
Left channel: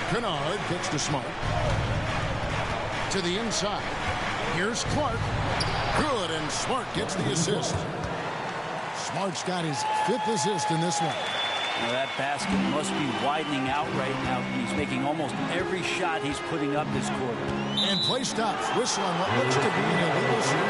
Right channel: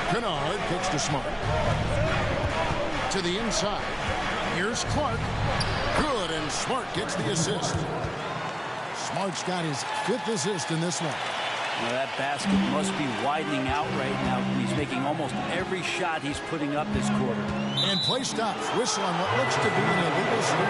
Kennard kicks to Smart. To the inside. Here's Clark. Good, and Smart gets the assist. Smart's got his 5th assist in this one. Now that basket must be widening out right now. He's making almost every shot he's putting up this quarter. And play stops. Whistle on what looks to be an illegal screen.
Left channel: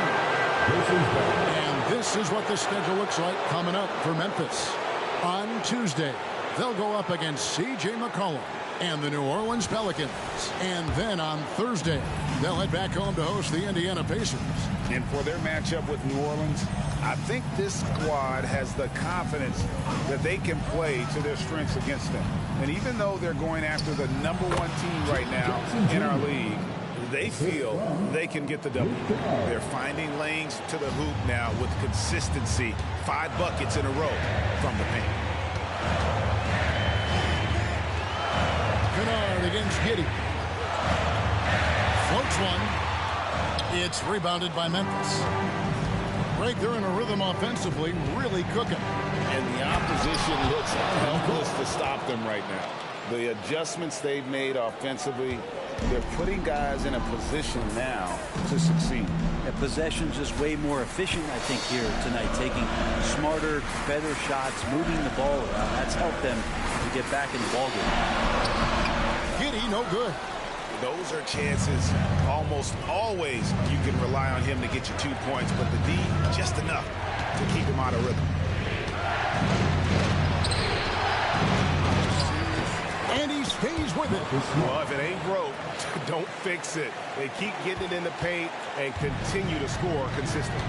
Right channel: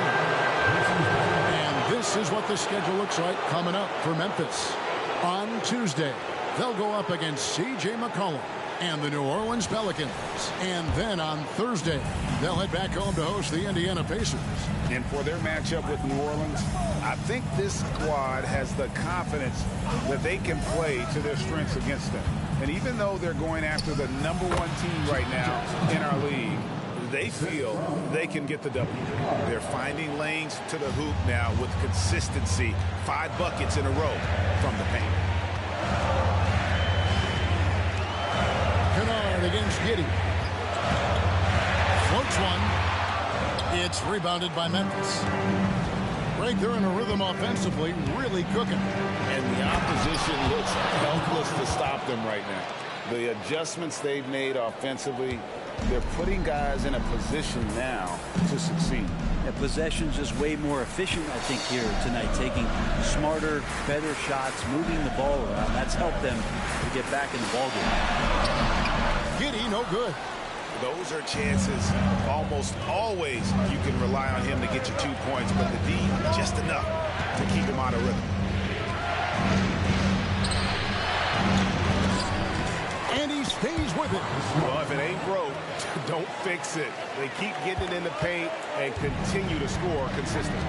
And this is what the schedule looks like coming up for Memphis. On Tuesday, they'll go up against C.J. McCollum and the New Orleans Pelicans. And then on Thursday, they'll head back home to host the Indiana Pacers. And for their matchup with New Orleans, I think this squad has the confidence that they can play to their strengths against them. And even though they're going after the #1 team right now in our league, they feel they can get the W. They're finding lanes to the hoop now with consistency. 5 buckets in a row from the paint. Kennard against Giddey. Floats one. It's rebounded by Memphis. Right, they're in a rhythm offensively, really cooking. And the opposition looks helpless to stop them right now. The adjustments they've made offensively, they're putting guys in a position now to succeed. Yeah, possession's just way more efficient, I think, here tonight. Taking smarter, better shots, moving the ball around. That's helped them to get back in the ballgame. Giddey, no good. Those are chances almost always you can rely on him to get you 2 points, but the D just enough to keep him out of rhythm. And he stays with it. Well, if it ain't broke, don't fix it. They keep getting it in the paint and continue to score consistently.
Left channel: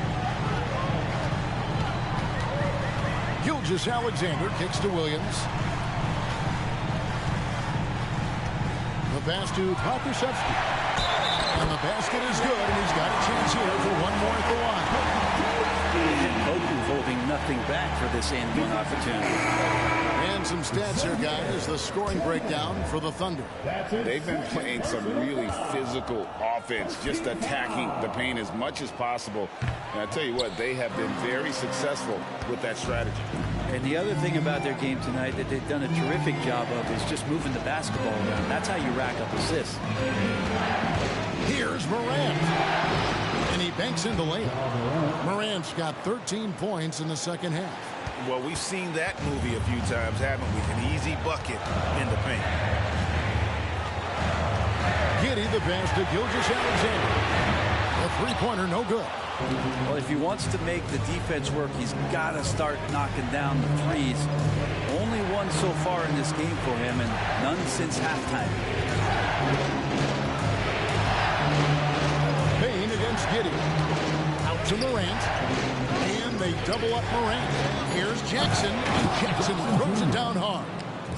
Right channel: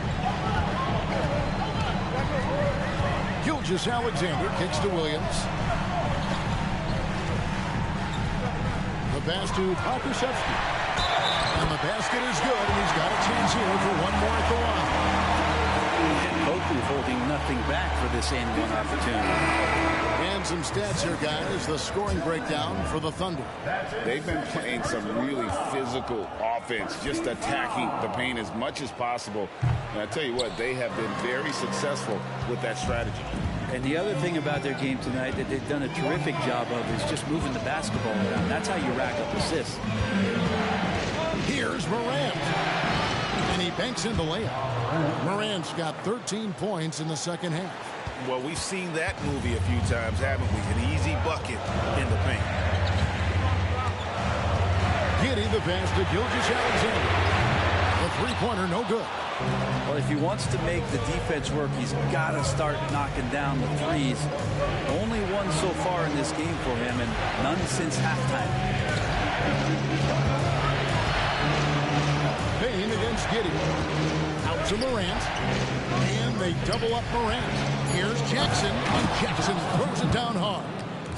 Gilgeous-Alexander kicks to Williams. The pass to Pokusevski. And the basket is good, and he's got a chance here for one more at the line. And Poku holding nothing back for this and one opportunity. And some stats here, guys. The scoring breakdown for the Thunder. They've been playing some really physical offense, just attacking the paint as much as possible. And I tell you what, they have been very successful with that strategy. And the other thing about their game tonight that they've done a terrific job of is just moving the basketball around. That's how you rack up assists. Here's Morant. And he banks in the layup. Morant's got 13 points in the second half. Well, we've seen that movie a few times, haven't we? An easy bucket in the paint. Giddey the pass to Gilgeous-Alexander. The three-pointer, no good. Well, if he wants to make the defense work, he's got to start knocking down the threes. Only one so far in this game for him, and none since halftime. Payne against Giddey. Out to Morant. And they double up Morant. Here's Jackson, and Jackson throws it down hard.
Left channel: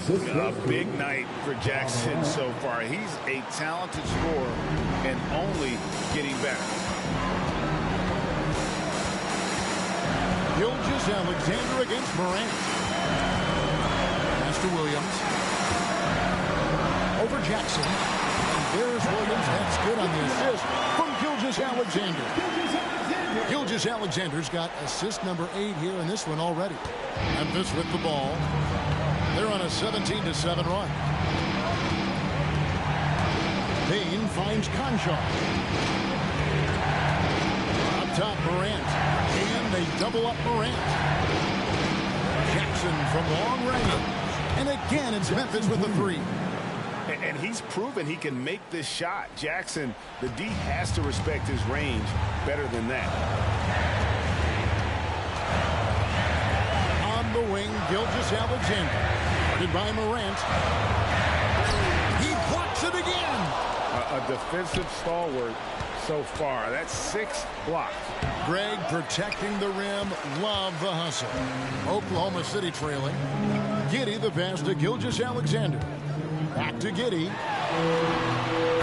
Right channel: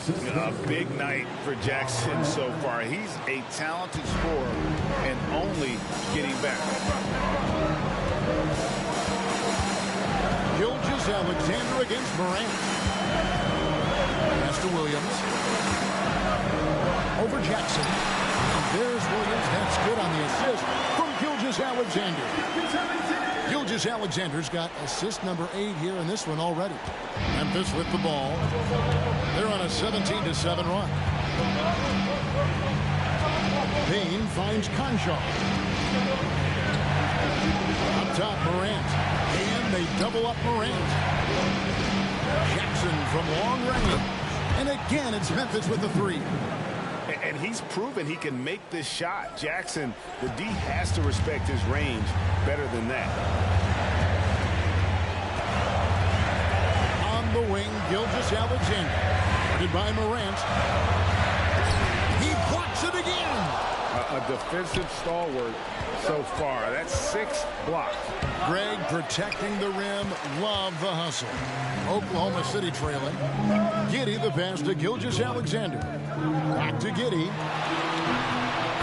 A big night for Jackson so far. He's a talented scorer and only getting better. Gilgeous-Alexander against Morant. Pass to Williams. Over Jackson. And there's Williams. That's good on the assist from Gilgeous-Alexander. Gilgeous-Alexander's got assist number 8 here in this one already. Memphis with the ball. They're on a 17-7 run. Payne finds Conchar. Up top, Morant. And they double up Morant. Jackson from long range. And again, it's Memphis with the three. And he's proven he can make this shot. Jackson, the D has to respect his range better than that. On the wing, Gilgeous-Alexander. Guarded by Morant. He blocks it again. A defensive stalwart so far. That's 6 blocks. Greg protecting the rim. Love the hustle. Oklahoma City trailing. Giddey the pass to Gilgeous-Alexander. Back to Giddey.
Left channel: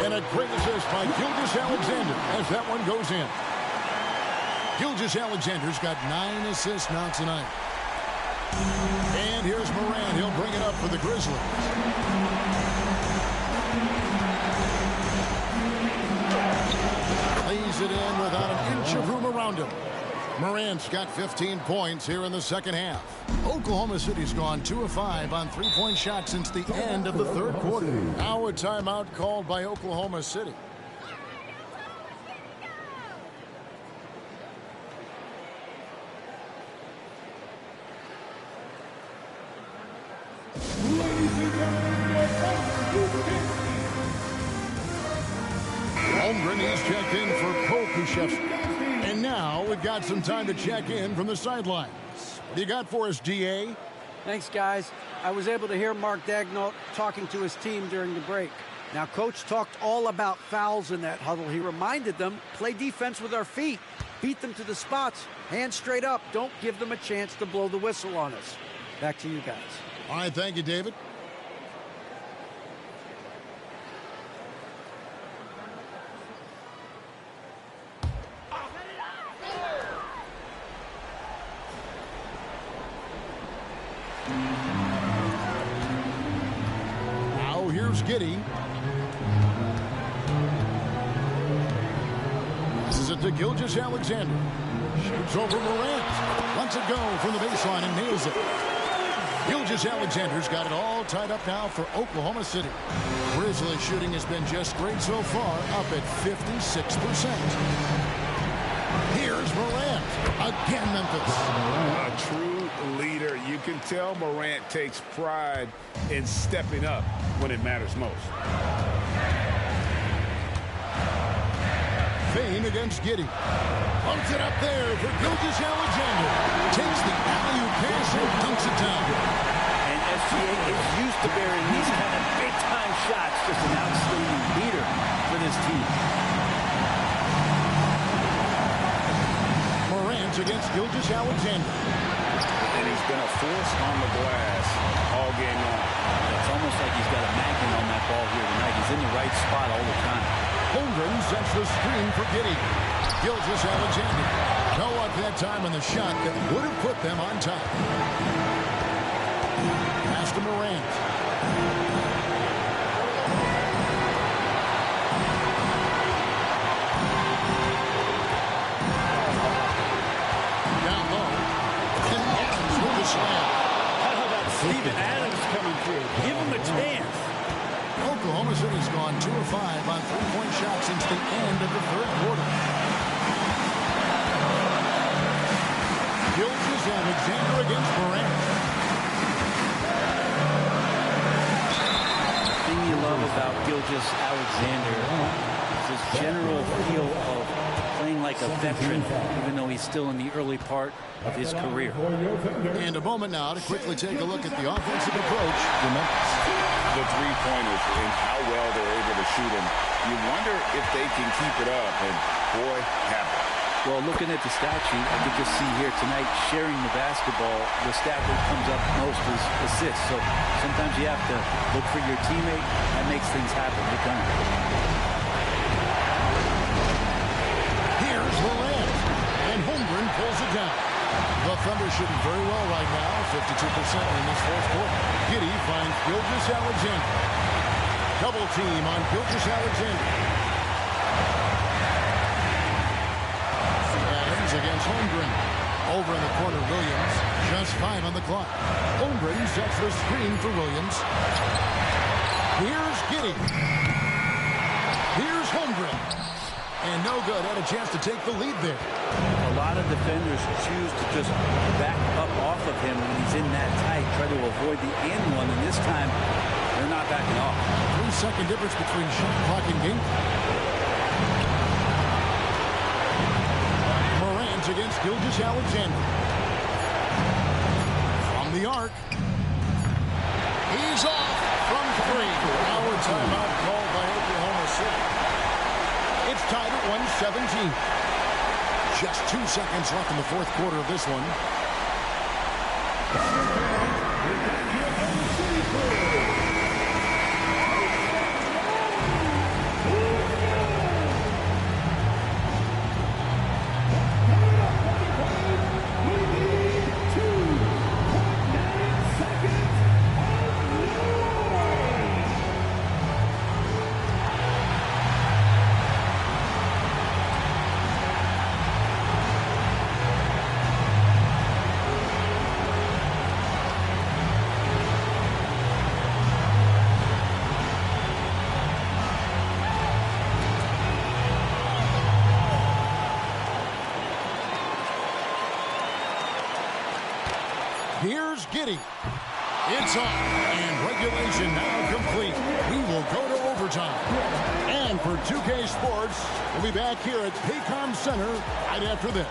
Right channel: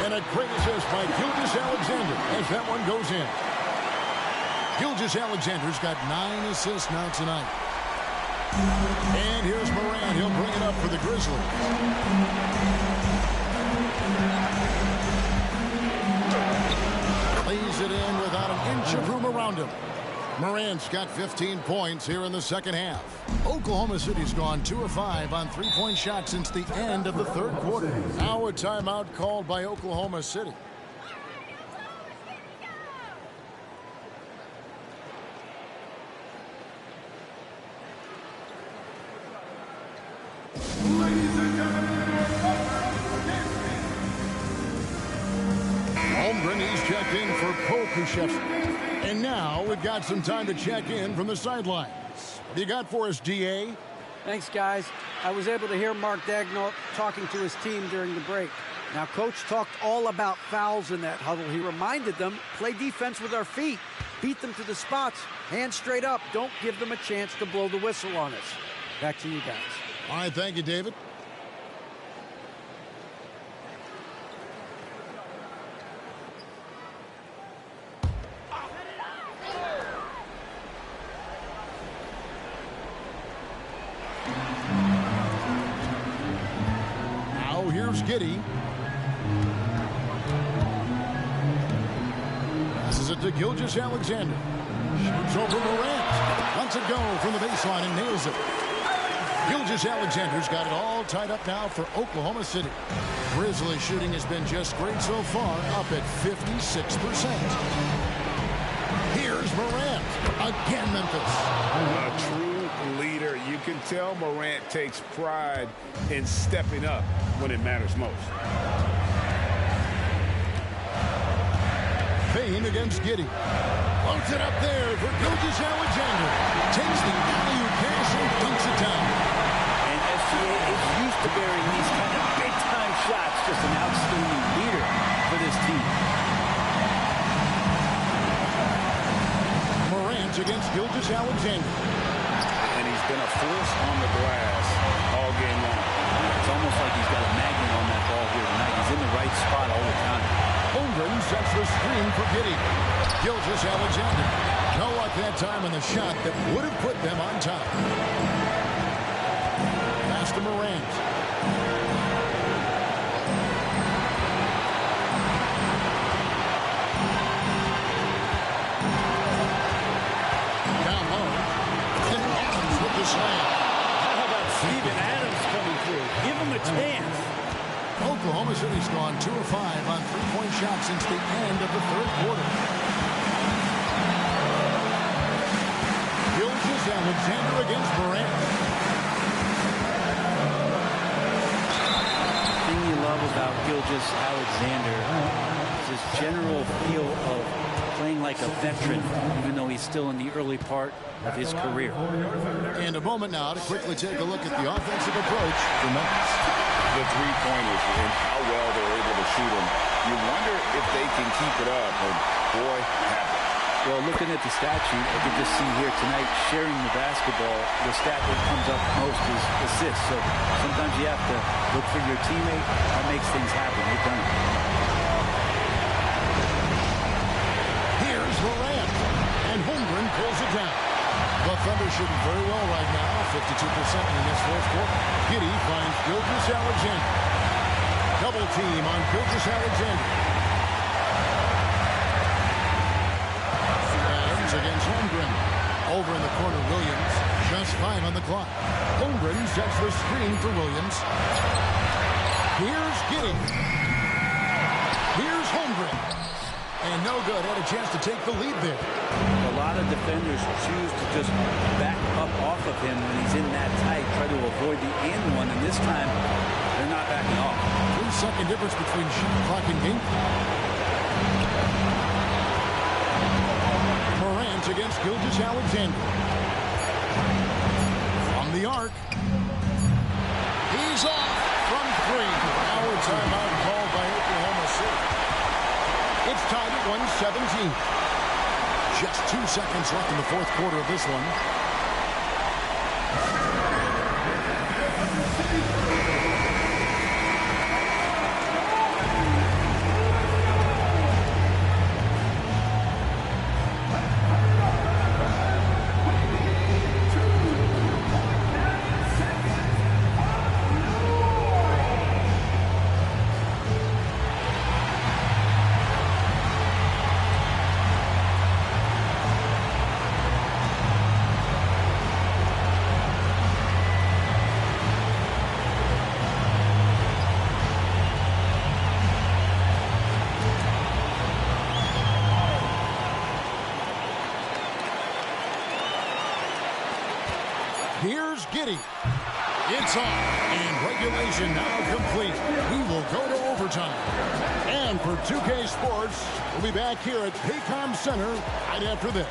And a great assist by Gilgeous-Alexander as that one goes in. Gilgeous-Alexander's got 9 assists now tonight. And here's Morant. He'll bring it up for the Grizzlies. Lays it in without an inch of room around him. Morant's got 15 points here in the second half. Oklahoma City's gone 2 of 5 on three-point shots since the end of the third quarter. Now a timeout called by Oklahoma City. Holmgren, he's checked in for Pokushevsky. And now we've got some time to check in from the sidelines. What do you got for us, DA? Thanks, guys. I was able to hear Mark Daigneault talking to his team during the break. Now, Coach talked all about fouls in that huddle. He reminded them, play defense with our feet. Beat them to the spots. Hands straight up. Don't give them a chance to blow the whistle on us. Back to you guys. All right, thank you, David. Now here's Giddey. Passes it to Gilgeous-Alexander. Shoots over Morant. Lets it go from the baseline and nails it. Gilgeous-Alexander's got it all tied up now for Oklahoma City. Grizzlies shooting has been just great so far, up at 56%. Here's Morant. Again, Memphis. A true leader. You can tell Morant takes pride in stepping up when it matters most. Payne against Giddey. Floats it up there for Gilgeous-Alexander. Takes the alley-oop pass and dunks it down. And SGA is used to bearing these kind of big-time shots. Just an outstanding leader for this team. Morant against Gilgeous-Alexander. And he's been a force on the glass all game long. It's almost like he's got a magnet on that ball here tonight. He's in the right spot all the time. Holmgren sets the screen for Giddey. Gilgeous-Alexander. No luck that time on the shot that would have put them on top. Pass to Morant. Down low. And Adams with the slam. How about Steven Adams coming through? Give him a chance. Oklahoma City's gone 2 of 5 on three-point shots since the end of the third quarter. Gilgeous-Alexander against Morant. The thing you love about Gilgeous-Alexander is his general feel of playing like a veteran, even though he's still in the early part of his career. And a moment now to quickly take a look at the offensive approach for Memphis. The three-pointers and how well they're able to shoot them. You wonder if they can keep it up, and boy, have they. Well, looking at the stat sheet, I could just see here tonight sharing the basketball. The stat that comes up most is assists. So sometimes you have to look for your teammate. That makes things happen. They've done it. Here's Morant, and Holmgren pulls it down. The Thunder shooting very well right now, 52% in this fourth quarter. Giddey finds Gilgeous-Alexander. Double team on Gilgeous-Alexander. Adams against Holmgren. Over in the corner, Williams. Just 5 on the clock. Holmgren sets the screen for Williams. Here's Giddey. Here's Holmgren. And no good. Had a chance to take the lead there. A lot of defenders choose to just back up off of him when he's in that tight, try to avoid the and one, and this time they're not backing off. 3-second difference between shot clock and game clock. Morant against Gilgeous-Alexander. From the arc. He's off from 3. Now a timeout called by Oklahoma City. It's tied at 117. Just 2 seconds left in the fourth quarter of this one. Here's Giddey. It's on, and regulation now complete. We will go to overtime. And for 2K Sports, we'll be back here at Paycom Center right after this.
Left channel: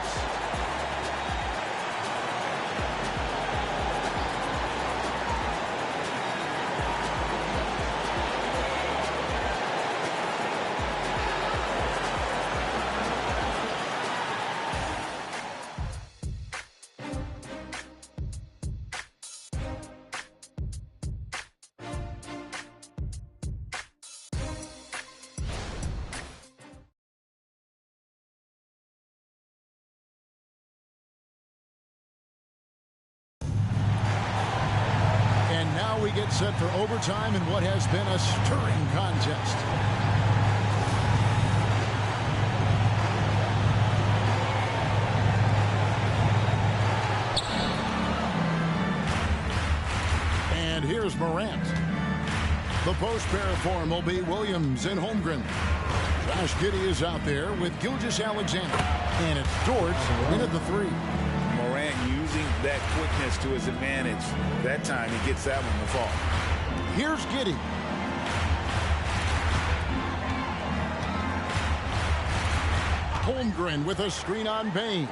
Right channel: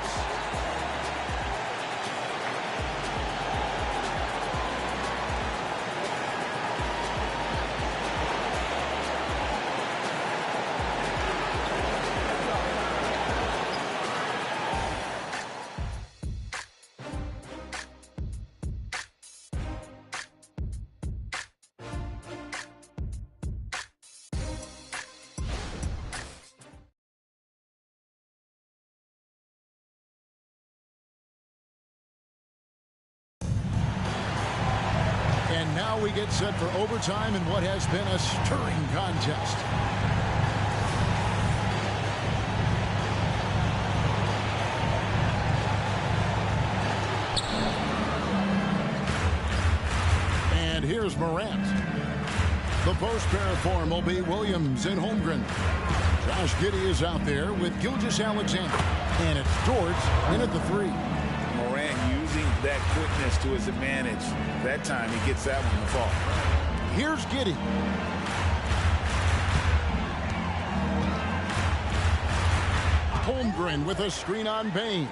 And now we get set for overtime in what has been a stirring contest. And here's Morant. The post pair form will be Williams and Holmgren. Josh Giddey is out there with Gilgeous-Alexander. And it's George in at the 3. Morant using that quickness to his advantage. That time he gets that one to fall. Here's Giddey. Holmgren with a screen on Bain.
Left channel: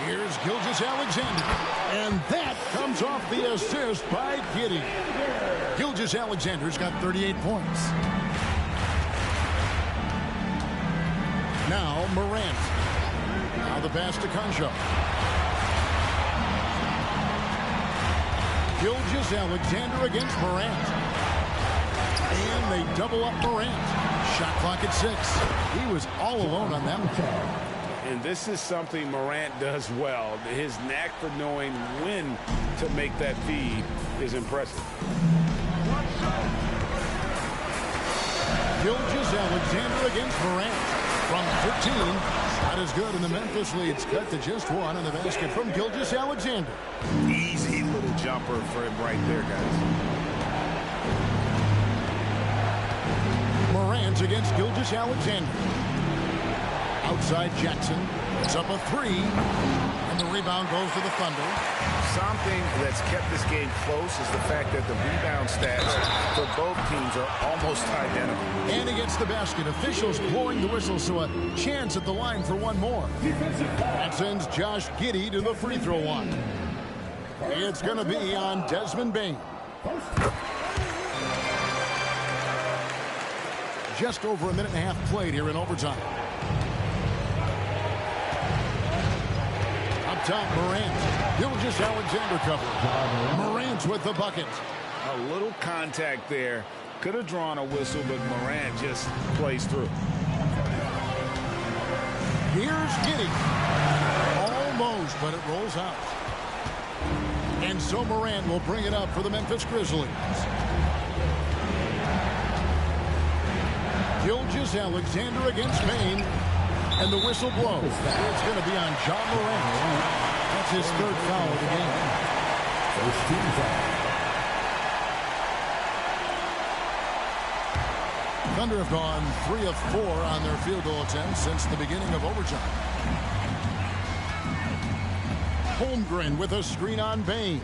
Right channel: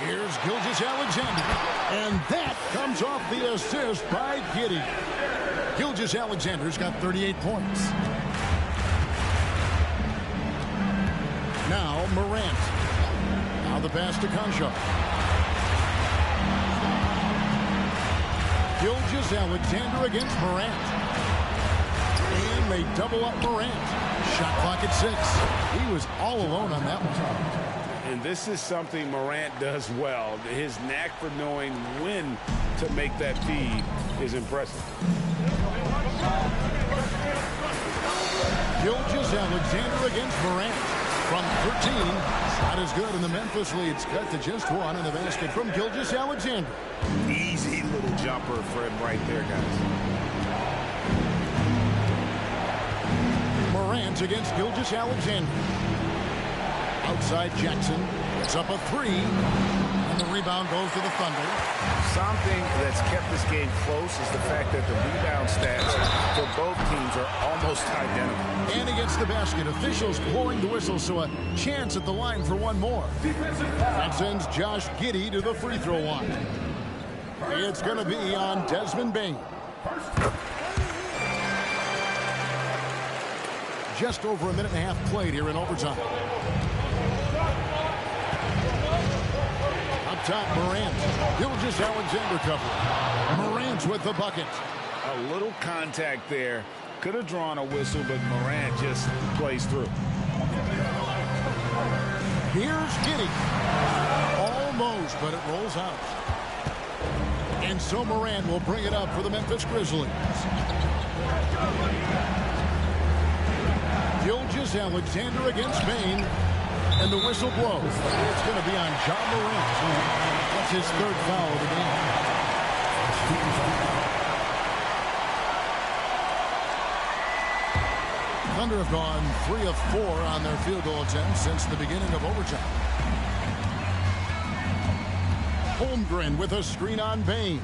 Here's Gilgeous-Alexander. And that comes off the assist by Giddey. Gilgeous-Alexander's got 38 points. Now Morant. Now the pass to Concho. Gilgeous-Alexander against Morant. And they double up Morant. Shot clock at 6. He was all alone on that one. And this is something Morant does well. His knack for knowing when to make that feed is impressive. Gilgeous-Alexander against Morant. From 13, shot is good, and the Memphis lead's cut to just 1 on the basket from Gilgeous-Alexander. Easy little jumper for him right there, guys. Morant against Gilgeous-Alexander. Outside Jackson. It's up a 3. And the rebound goes to the Thunder. Something that's kept this game close is the fact that the rebound stats for both teams are almost identical. And he gets the basket. Officials blowing the whistle, so a chance at the line for one more. That sends Josh Giddey to the free throw line. It's going to be on Desmond Bain. Just over a minute and a half played here in overtime. Up top, Morant. Gilgeous-Alexander covering. Morant with the bucket. A little contact there. Could have drawn a whistle, but Morant just plays through. Here's Giddey. Almost, but it rolls out. And so Morant will bring it up for the Memphis Grizzlies. Gilgeous-Alexander against Bain. And the whistle blows. It's going to be on Ja Morant. That's his 3rd foul of the game. First team foul. Thunder have gone 3 of 4 on their field goal attempts since the beginning of overtime. Holmgren with a screen on Bain.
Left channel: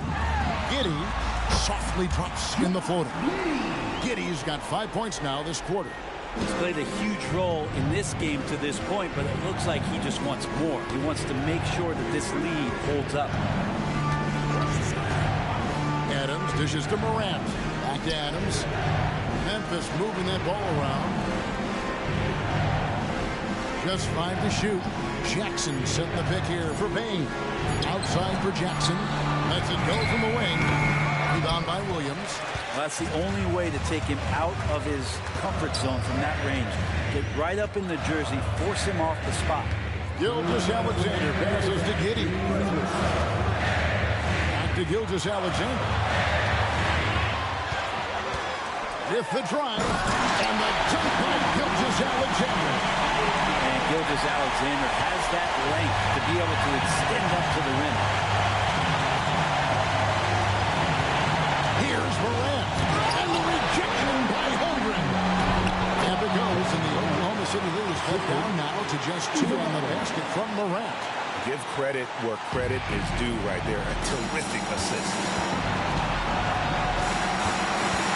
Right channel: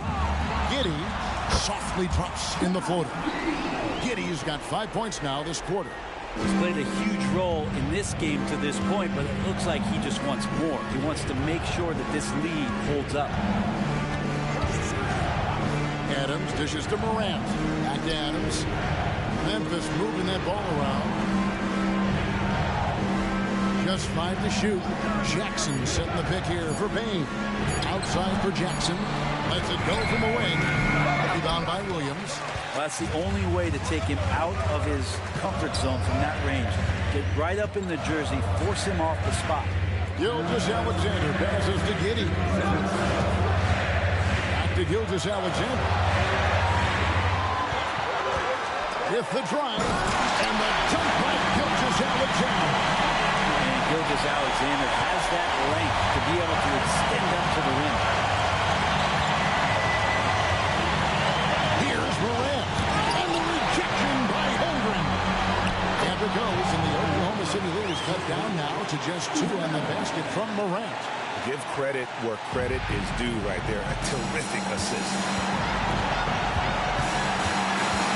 Giddey softly drops in the floater. Giddey's got 5 points now this quarter. He's played a huge role in this game to this point, but it looks like he just wants more. He wants to make sure that this lead holds up. Adams dishes to Morant. Back to Adams. Memphis moving that ball around. Just 5 to shoot. Jackson setting the pick here for Bain. Outside for Jackson. Lets it go from the wing. Rebound by Williams. Well, that's the only way to take him out of his comfort zone from that range. Get right up in the jersey, force him off the spot. Gilgeous-Alexander passes to Giddey. Back to Gilgeous-Alexander. With the drive, and the dunk by Gilgeous-Alexander. And Gilgeous-Alexander has that length to be able to extend up to the rim. Here's Morant, and the rejection by Holmgren. And it goes, and the Oklahoma City lead is cut down now to just 2 on the basket from Morant. Give credit where credit is due right there. A terrific assist.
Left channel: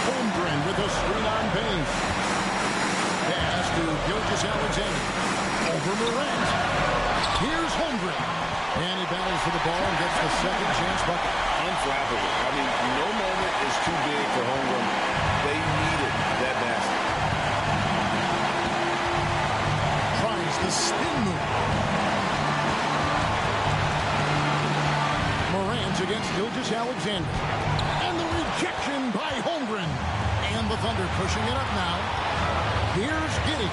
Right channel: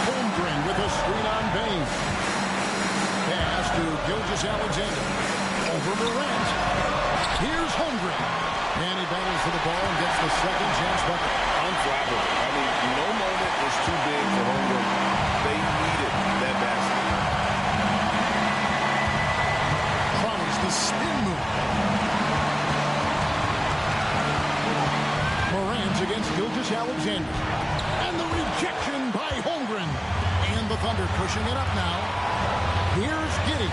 Holmgren with a screen on Bain. Pass to Gilgeous-Alexander. Over Morant. Here's Holmgren. And he battles for the ball and gets the second chance bucket. Unflappable. I mean, no moment is too big for Holmgren. They needed that basket. Tries the spin move. Morant against Gilgeous-Alexander. And the rejection by Holmgren. And the Thunder pushing it up now. Here's Giddey.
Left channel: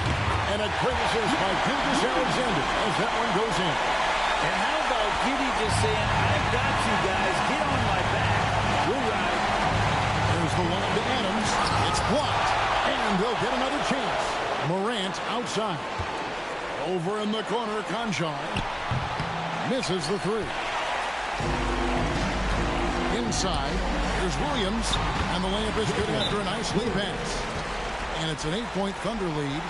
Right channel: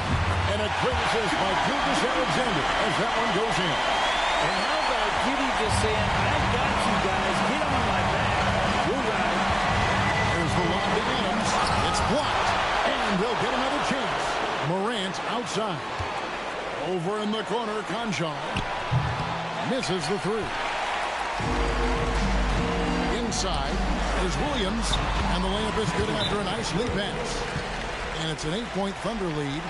And a great assist by Gilgeous-Alexander as that one goes in. And how about Giddey just saying, I got you guys, get on my back, we'll ride. There's the lob to Adams. It's blocked. And they'll get another chance. Morant outside. Over in the corner, Conchar misses the three. Inside, there's Williams, and the layup is good after a nice lead pass. And it's an 8-point Thunder lead.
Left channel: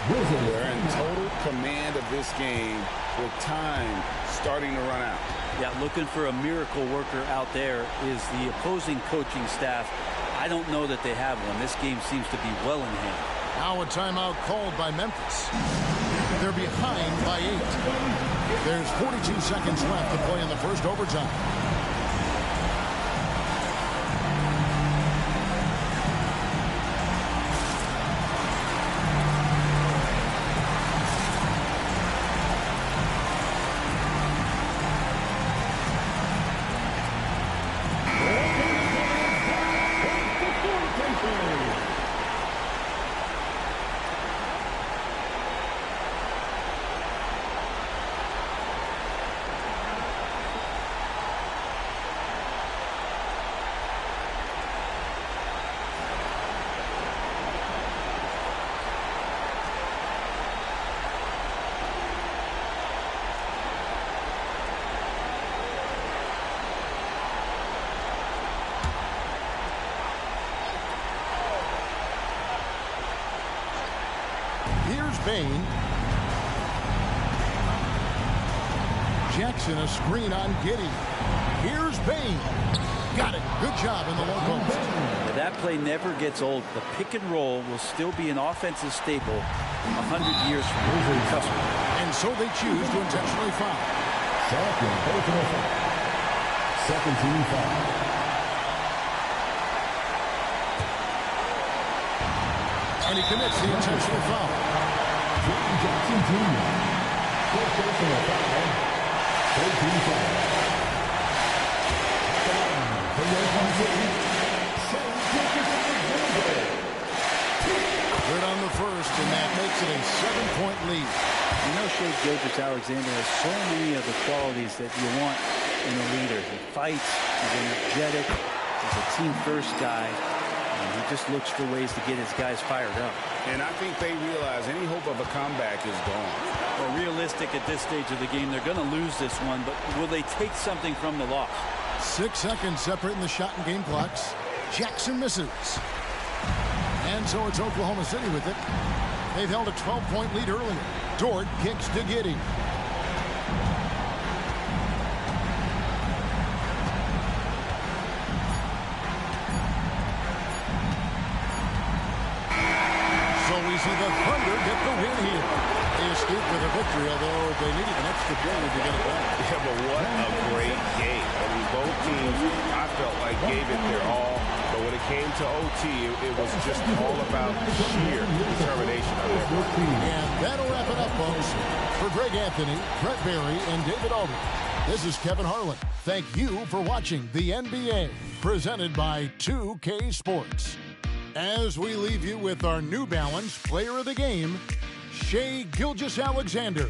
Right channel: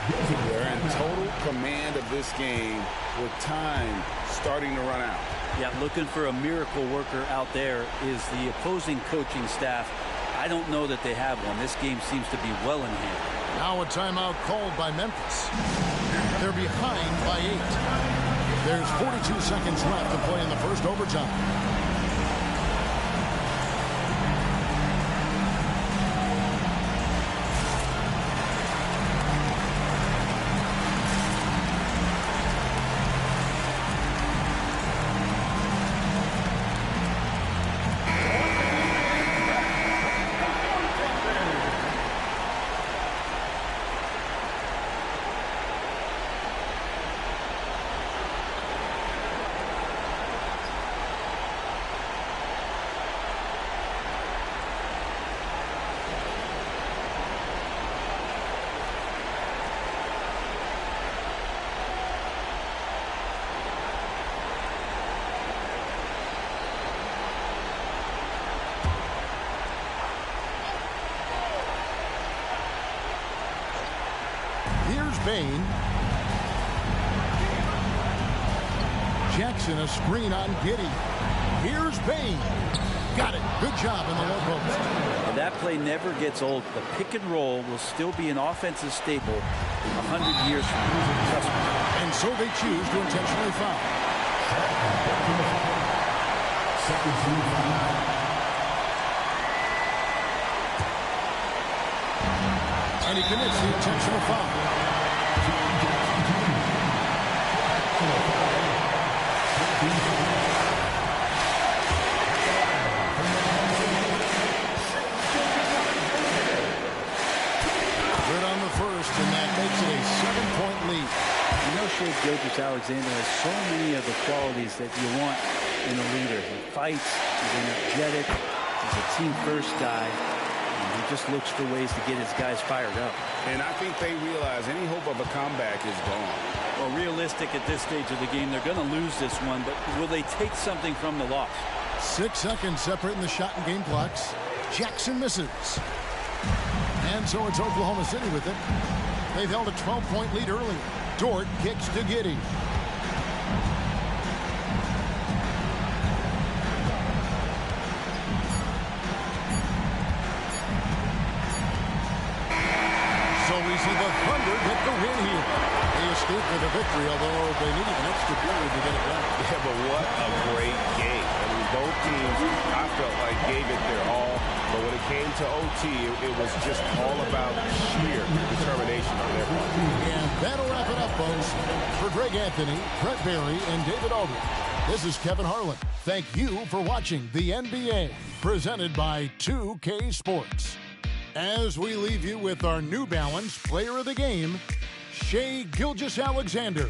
They're in total command of this game with time starting to run out. Yeah, looking for a miracle worker out there is the opposing coaching staff. I don't know that they have one. This game seems to be well in hand. Now a timeout called by Memphis. They're behind by 8. There's 42 seconds left to play in the first overtime. Here's Bain. Jackson, a screen on Giddey. Here's Bain. Got it. Good job in the low post. And that play never gets old. The pick and roll will still be an offensive staple 100 years from now. Trust me. And so they choose to intentionally foul. Second team foul. And he commits the intentional foul. Jackson Jr. First personal foul. 13 foul. Good on the first, and that makes it a 7-point lead. You know, Shea Gilgeous-Alexander has so many of the qualities that you want in a leader. He fights, he's energetic, he's a team-first guy, and he just looks for ways to get his guys fired up. And I think they realize any hope of a comeback is gone. Well, realistic at this stage of the game, they're going to lose this one, but will they take something from the loss? 6 seconds separating the shot and game clocks. Jackson misses. And so it's Oklahoma City with it. They've held a 12-point lead earlier. Dort kicks to Giddey. So we see the Thunder get the win here. They escape with a victory, although they needed an extra period to get it done. Yeah, but what a great game. I mean, both teams, I felt like, gave it their all. But when it came to OT, it was just all about sheer determination on their part. And that'll wrap it up, folks. For Greg Anthony, Brett Barry, and David Aldridge, this is Kevin Harlan. Thank you for watching the NBA, presented by 2K Sports. As we leave you with our New Balance Player of the Game, Shea Gilgeous-Alexander.